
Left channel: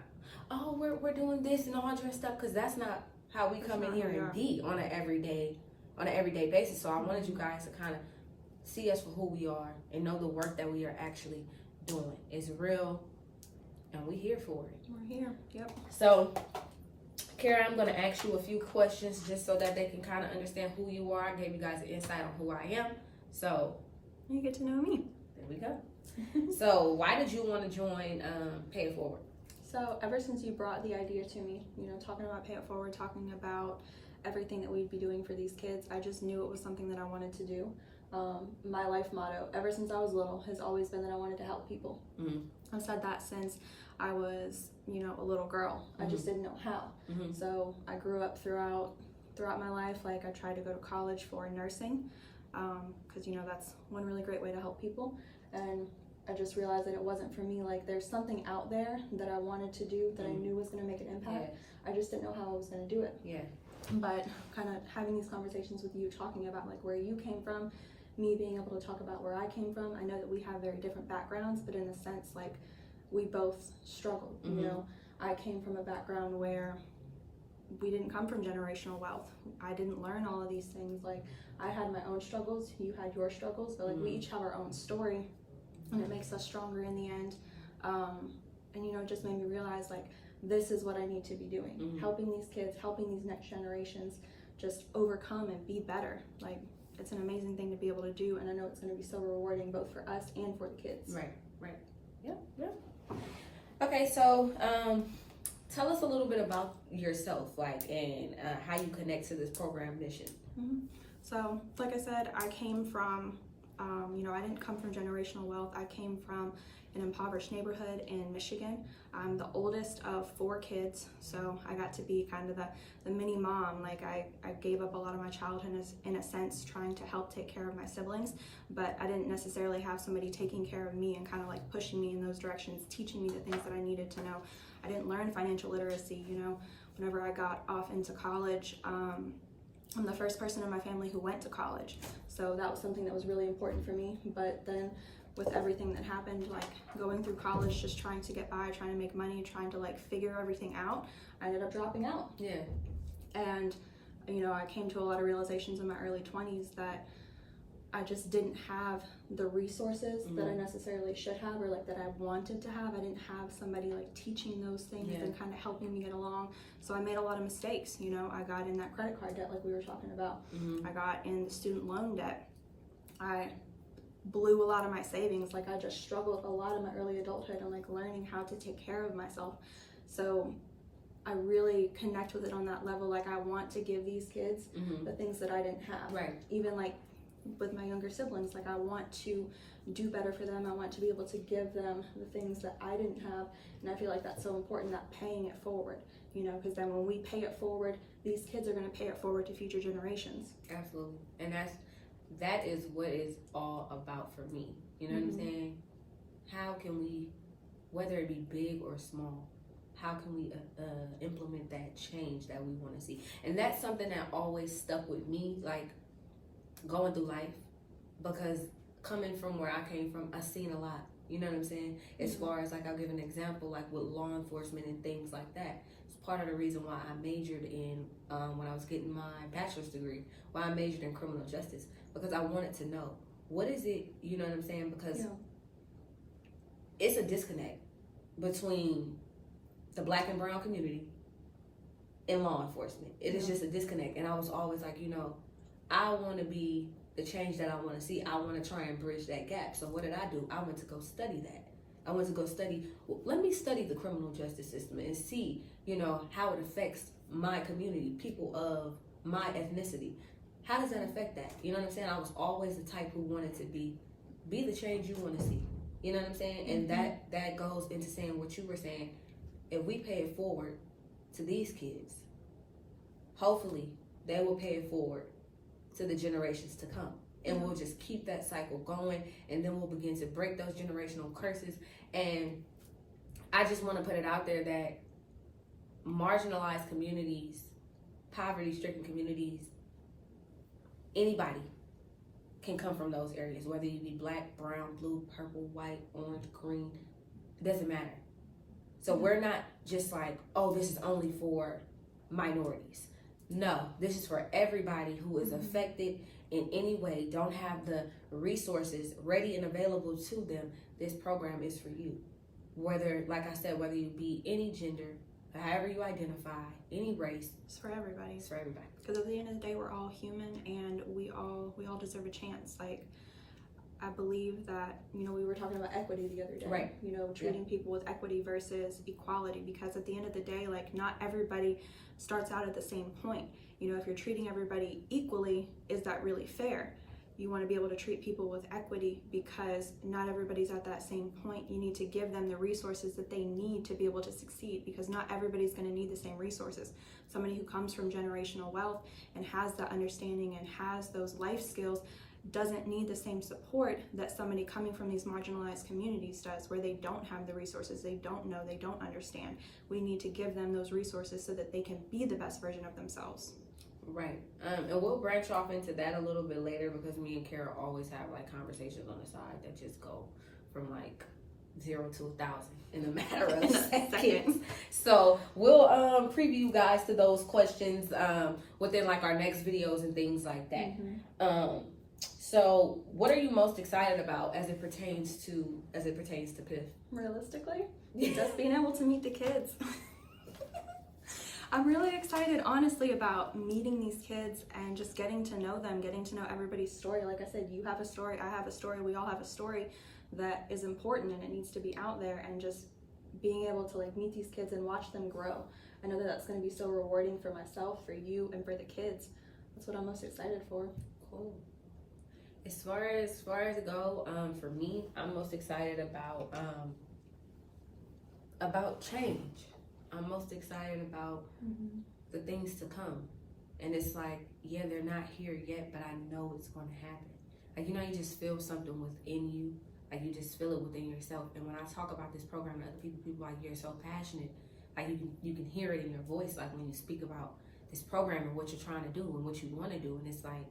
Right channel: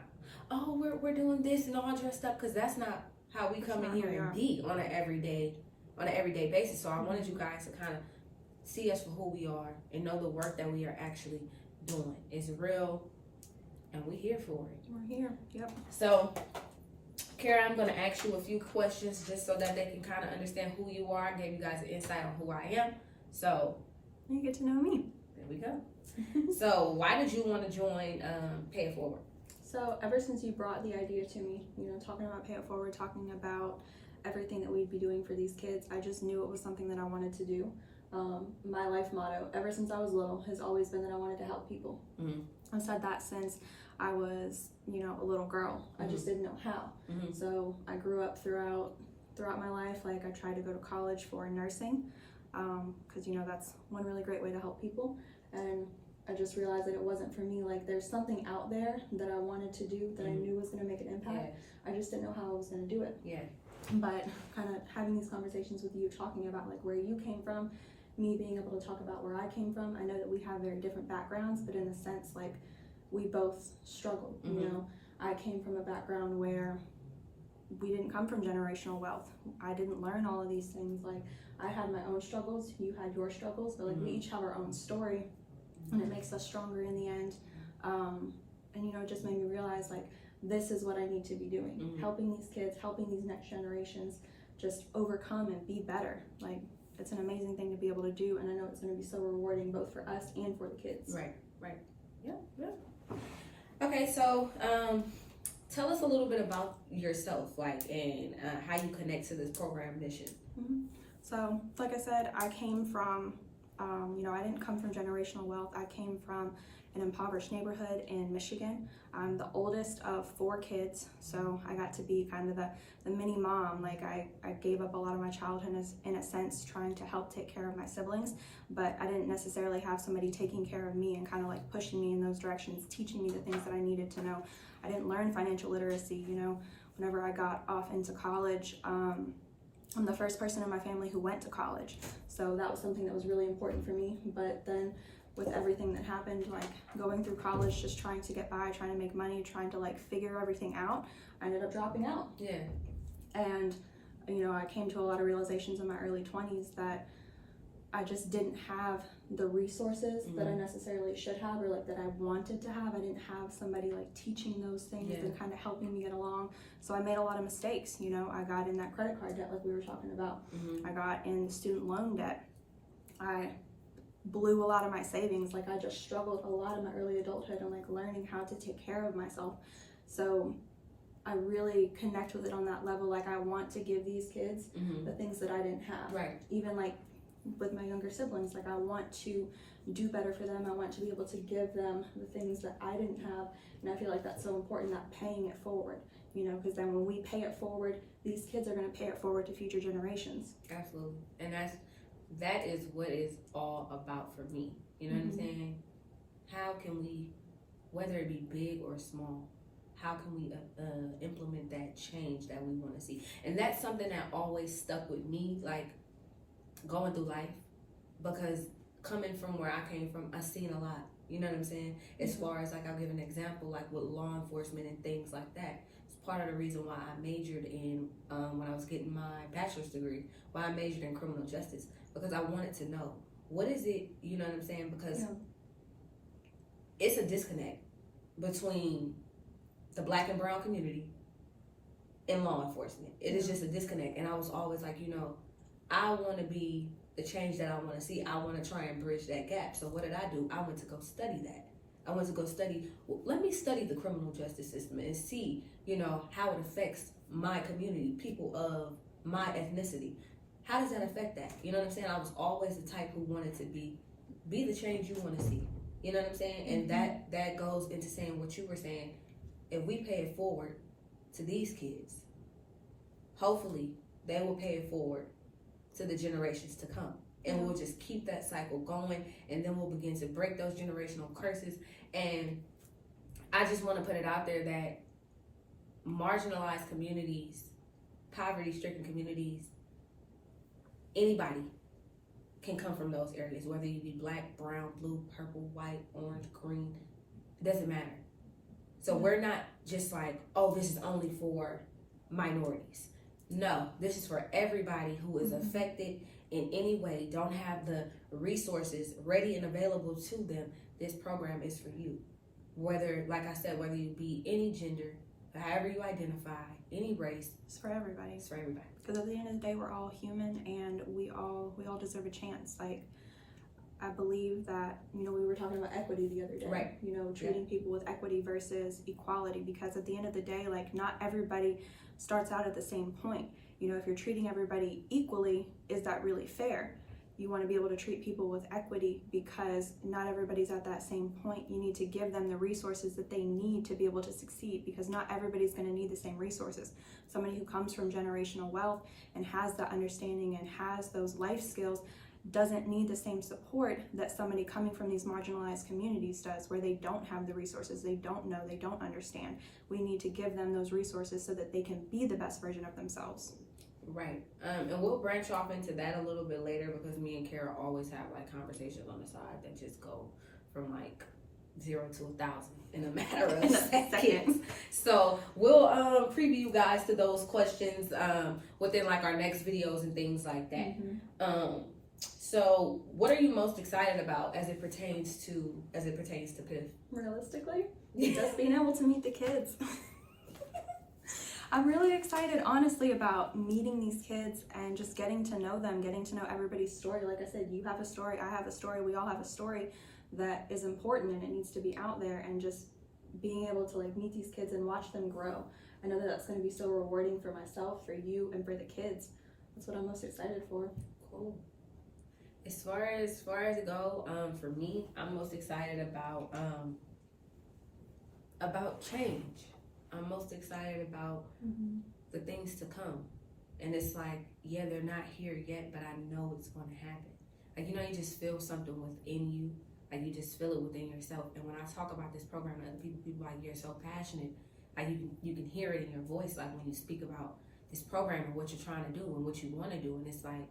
we're doing this and all dressed up, because that's not how we come in here and be on an everyday basis. So I wanted you guys to kind of see us for who we are and know the work that we are actually doing is real, and we're here for it. We're here. Yep. So Kara, I'm going to ask you a few questions just so that they can kind of understand who you are. I gave you guys an insight on who I am. So you get to know me. There we go. So why did you want to join Pay It Forward? So ever since you brought the idea to me, talking about Pay It Forward, talking about everything that we'd be doing for these kids, I just knew it was something that I wanted to do. My life motto, ever since I was little, has always been that I wanted to help people. I've said that since I was, a little girl. I just didn't know how. So I grew up throughout my life. I tried to go to college for nursing, because that's one really great way to help people. And I just realized that it wasn't for me. There's something out there that I wanted to do that I knew was going to make an impact. I just didn't know how I was going to do it. But kind of having these conversations with you, talking about where you came from, me being able to talk about where I came from. I know that we have very different backgrounds, but in a sense, we both struggled. I came from a background where we didn't come from generational wealth. I didn't learn all of these things. I had my own struggles, you had your struggles, but we each have our own story, and it makes us stronger in the end. And it just made me realize this is what I need to be doing, helping these kids, helping these next generations just overcome and be better. It's an amazing thing to be able to do, and I know it's going to be so rewarding both for us and for the kids. Right. Yeah. Okay, so tell us a little bit about yourself, and how you connect to this program mission. So, like I said, I came from, I didn't come from generational wealth. I came from an impoverished neighborhood in Michigan. I'm the oldest of 4 kids, so I got to be kind of the mini mom. I gave up a lot of my childhood in a sense, trying to help take care of my siblings, but I didn't necessarily have somebody taking care of me and kind of pushing me in those directions, teaching me the things that I needed to know. I didn't learn financial literacy. Whenever I got off into college, I'm the first person in my family who went to college, so that was something that was really important for me. But then with everything that happened, going through college, just trying to get by, trying to make money, trying to figure everything out, I ended up dropping out. And I came to a lot of realizations in my early 20s that I just didn't have the resources that I necessarily should have, or that I wanted to have. I didn't have somebody teaching those things and kind of helping me get along. So I made a lot of mistakes. I got in that credit card debt like we were talking about. I got in the student loan debt. I blew a lot of my savings. I just struggled a lot in my early adulthood and learning how to take care of myself. So I really connect with it on that level. I want to give these kids the things that I didn't have. Even with my younger siblings, I want to do better for them. I want to be able to give them the things that I didn't have. And I feel that's so important, that paying it forward, because then when we pay it forward, these kids are going to pay it forward to future generations. Absolutely. And that is what it's all about for me. You know what I'm saying? How can we, whether it be big or small, how can we implement that change that we want to see? And that's something that always stuck with me, like going through life, because coming from where I came from, I've seen a lot. You know what I'm saying? As far as like, I'll give an example, like with law enforcement and things like that. It's part of the reason why I majored in, when I was getting my bachelor's degree, why I majored in criminal justice, because I wanted to know, what is it, you know what I'm saying? Because it's a disconnect between the Black and brown community and law enforcement. It is just a disconnect. And I was always like, you know, I want to be the change that I want to see. I want to try and bridge that gap. So what did I do? I went to go study that. I went to go study, let me study the criminal justice system and see, you know, how it affects my community, people of my ethnicity. How does that affect that? You know what I'm saying? I was always the type who wanted to be the change you want to see. You know what I'm saying? And that goes into saying what you were saying. If we pay it forward to these kids, hopefully they will pay it forward to the generations to come. And we'll just keep that cycle going, and then we'll begin to break those generational curses. And I just want to put it out there that marginalized communities, poverty-stricken communities, anybody can come from those areas, whether you be Black, brown, blue, purple, white, orange, green, it doesn't matter. So we're not just like, oh, this is only for minorities. No, this is for everybody who is affected in any way, don't have the resources ready and available to them. This program is for you. Whether, like I said, whether you be any gender, however you identify, any race. It's for everybody. It's for everybody. Because at the end of the day, we're all human, and we all deserve a chance. Like, I believe that, you know, we were talking about equity the other day. Right. You know, treating people with equity versus equality, because at the end of the day, like, not everybody starts out at the same point. You know, if you're treating everybody equally, is that really fair? You want to be able to treat people with equity, because not everybody's at that same point. You need to give them the resources that they need to be able to succeed, because not everybody's going to need the same resources. Somebody who comes from generational wealth and has that understanding and has those life skills doesn't need the same support that somebody coming from these marginalized communities does, where they don't have the resources, they don't know, they don't understand. We need to give them those resources so that they can be the best version of themselves. Right. And we'll branch off into that a little bit later, because me and Kara always have like conversations on the side that just go from like 0 to 1,000 in a matter of seconds. So we'll preview you guys to those questions within like our next videos and things like that. So what are you most excited about as it pertains to PIF? Realistically, just being able to meet the kids. I'm really excited, honestly, about meeting these kids and just getting to know them, getting to know everybody's story. Like I said, you have a story, I have a story, we all have a story that is important, and it needs to be out there, and just being able to like meet these kids and watch them grow. I know that that's going to be so rewarding for myself, for you, and for the kids. That's what I'm most excited for. Cool. As far as it go, for me, I'm most excited about change. I'm most excited about the things to come. And it's like, yeah, they're not here yet, but I know it's going to happen. Like, you know, you just feel something within you. Like, you just feel it within yourself. And when I talk about this program to other people like, you're so passionate. Like, you can hear it in your voice, like when you speak about this program and what you're trying to do and what you want to do. And it's like,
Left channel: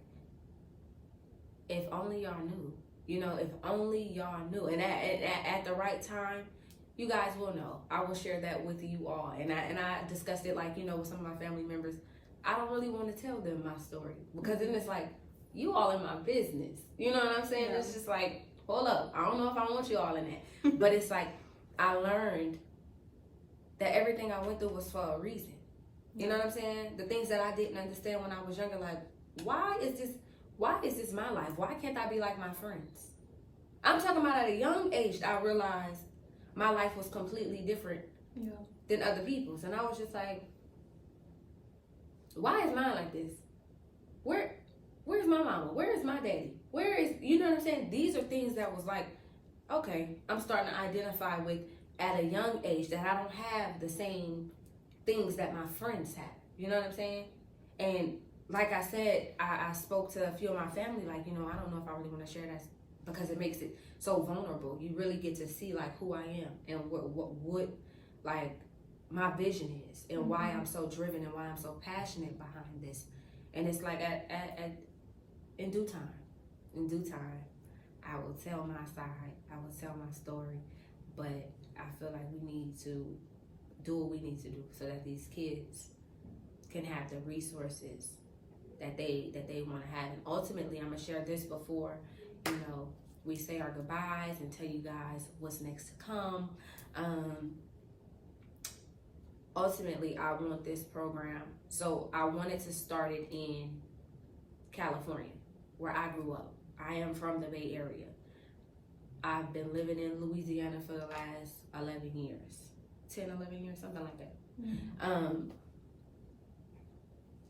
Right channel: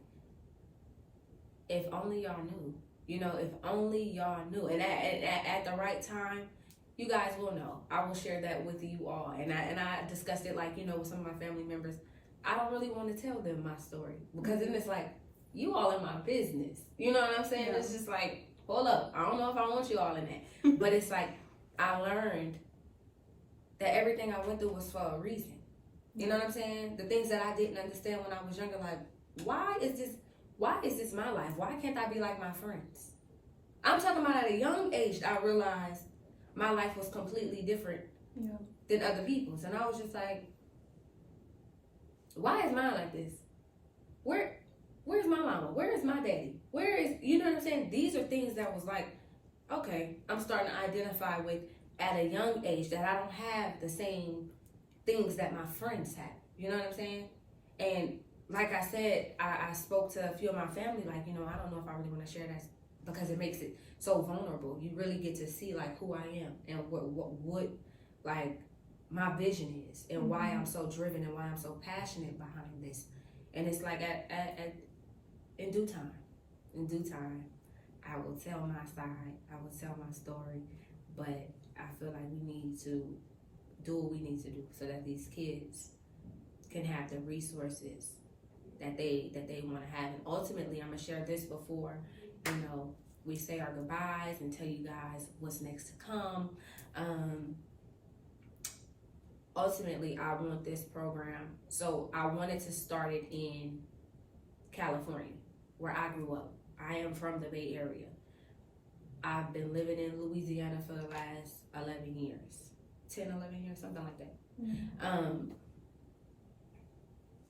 if only y'all knew. You know, if only y'all knew. And at the right time, you guys will know. I will share that with you all. And I discussed it, like, you know, with some of my family members. I don't really want to tell them my story, because then it's like, you all in my business. You know what I'm saying? Yeah. It's just like, hold up. I don't know if I want you all in that. But it's like, I learned that everything I went through was for a reason. You know what I'm saying? The things that I didn't understand when I was younger, like, why is this my life? Why can't I be like my friends? I'm talking about at a young age, I realized my life was completely different than other people's. And I was just like, why is mine like this? Where's my mama? Where is my daddy? Where is, you know what I'm saying? These are things that was like, okay, I'm starting to identify with at a young age, that I don't have the same things that my friends have. You know what I'm saying? And like I said, I spoke to a few of my family, like, you know, I don't know if I really want to share that, because it makes it so vulnerable. You really get to see like who I am and what like my vision is and why Mhm. I'm so driven and why I'm so passionate behind this. And it's like in due time, I will tell my side, I will tell my story, but I feel like we need to do what we need to do so that these kids can have the resources that they want to have. And ultimately, I'm gonna share this before, we say our goodbyes and tell you guys what's next to come. Ultimately, I want this program. So I wanted to start it in California, where I grew up. I am from the Bay Area. I've been living in Louisiana for the last 11 years, 10, 11 years, something like that. Mm-hmm.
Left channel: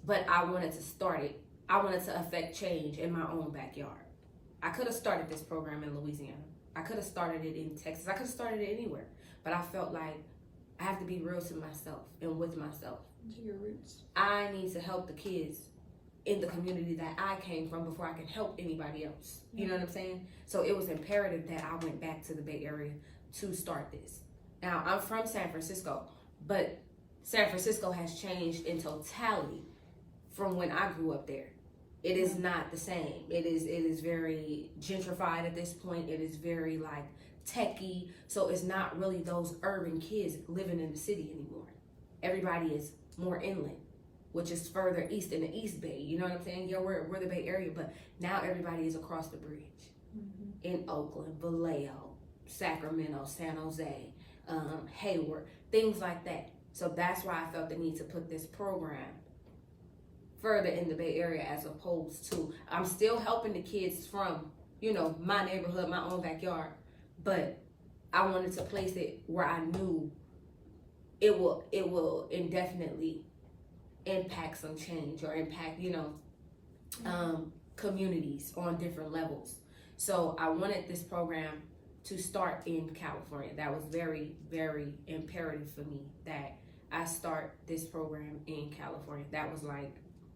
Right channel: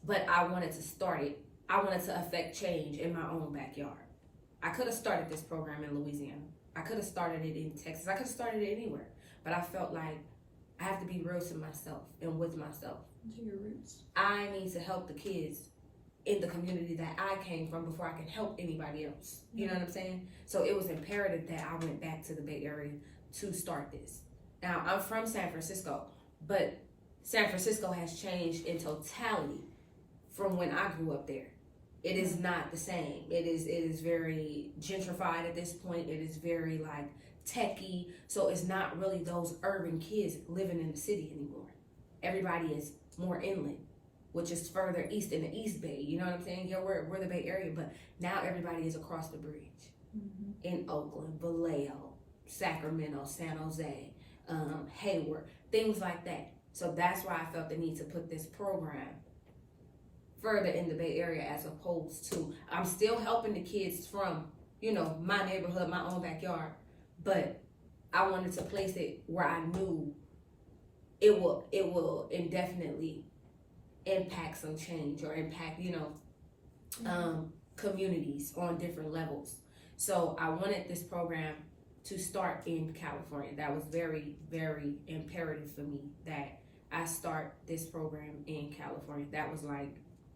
But I wanted to start it. I wanted to affect change in my own backyard. I could have started this program in Louisiana. I could have started it in Texas. I could have started it anywhere. But I felt like I have to be real to myself and with myself. To your roots. I need to help the kids in the community that I came from before I can help anybody else. You know what I'm saying? So it was imperative that I went back to the Bay Area to start this. Now, I'm from San Francisco, but San Francisco has changed in totality from when I grew up there. It is not the same. It is very gentrified at this point. It is very like techie. So it's not really those urban kids living in the city anymore. Everybody is more inland, which is further east in the East Bay. You know what I'm saying? Yeah, we're the Bay Area, but now everybody is across the bridge. In Oakland, Vallejo, Sacramento, San Jose, Hayward, things like that. So that's why I felt the need to put this program further in the Bay Area, as opposed to, I'm still helping the kids from, my neighborhood, my own backyard, but I wanted to place it where I knew it will indefinitely impact some change or impact, communities on different levels. So I wanted this program to start in California. That was very, very imperative for me that I start this program in California. That was like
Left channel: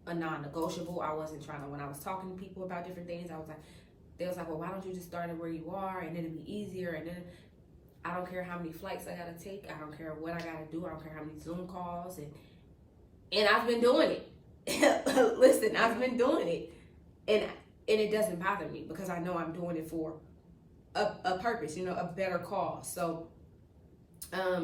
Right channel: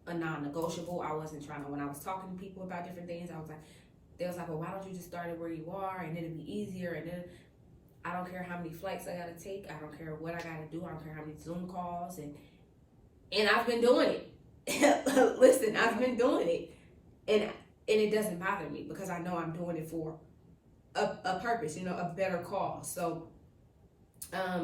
a non-negotiable. I wasn't trying to, when I was talking to people about different things, they was like, well, why don't you just start it where you are and it'll be easier, and then I don't care how many flights I gotta take, I don't care what I gotta do, I don't care how many Zoom calls, and I've been doing it. Listen, I've been doing it, and it doesn't bother me because I know I'm doing it for a purpose, a better cause. So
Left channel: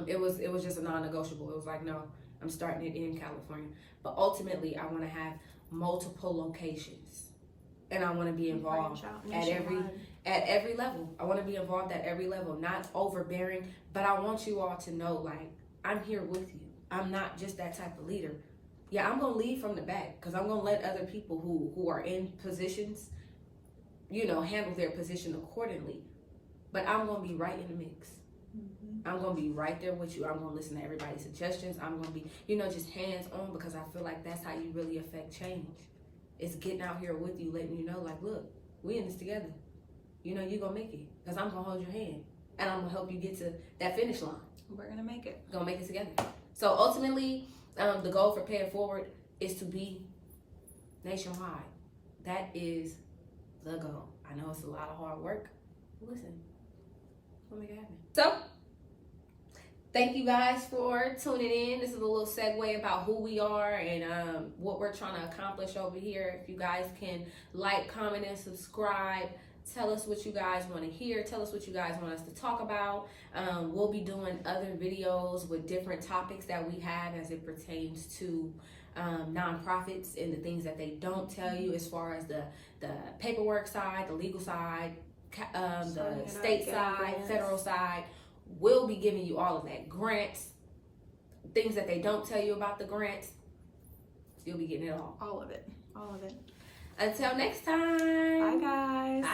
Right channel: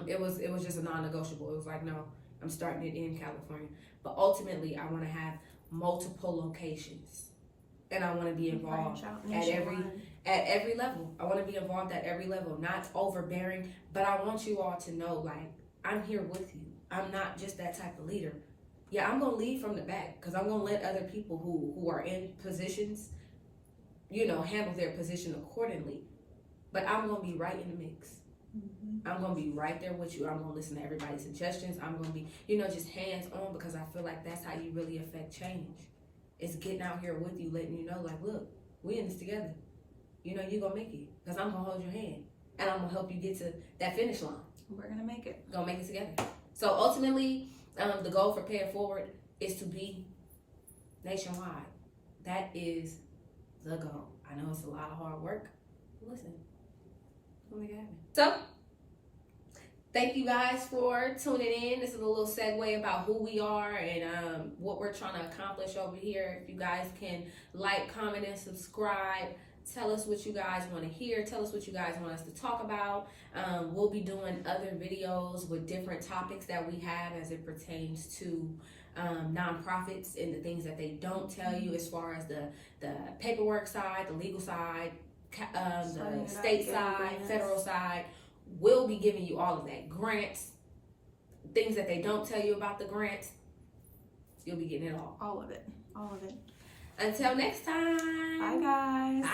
it was just a non-negotiable. It was like, no, I'm starting it in California. But ultimately, I want to have multiple locations, and I want to be involved at every level. I want to be involved at every level, not overbearing, but I want you all to know, like, I'm here with you. I'm not just that type of leader. Yeah, I'm going to lead from the back because I'm going to let other people who are in positions, handle their position accordingly. But I'm going to be right in the mix. I'm going to be right there with you. I'm going to listen to everybody's suggestions. I'm going to be, just hands-on, because I feel like that's how you really affect change. It's getting out here with you, letting you know, like, look, we in this together. You're going to make it, because I'm going to hold your hand, and I'm going to help you get to that finish line. We're going to make it. Going to make it together. So ultimately, the goal for Pay It Forward is to be nationwide. That is the goal. I know it's a lot of hard work. Listen, we'll make it happen. So, thank you guys for tuning in. This is a little segue about who we are and what we're trying to accomplish over here. If you guys can like, comment, and subscribe. Tell us what you guys want to hear. Tell us what you guys want us to talk about. We'll be doing other videos with different topics that we have as it pertains to nonprofits and the things that they don't tell you, as far as the paperwork side, the legal side, the state side, federal side. We'll be giving you all of that. Grants, things that they don't tell you about the grants. You'll be getting it all. All of it. All of it. Until next time. Bye, guys.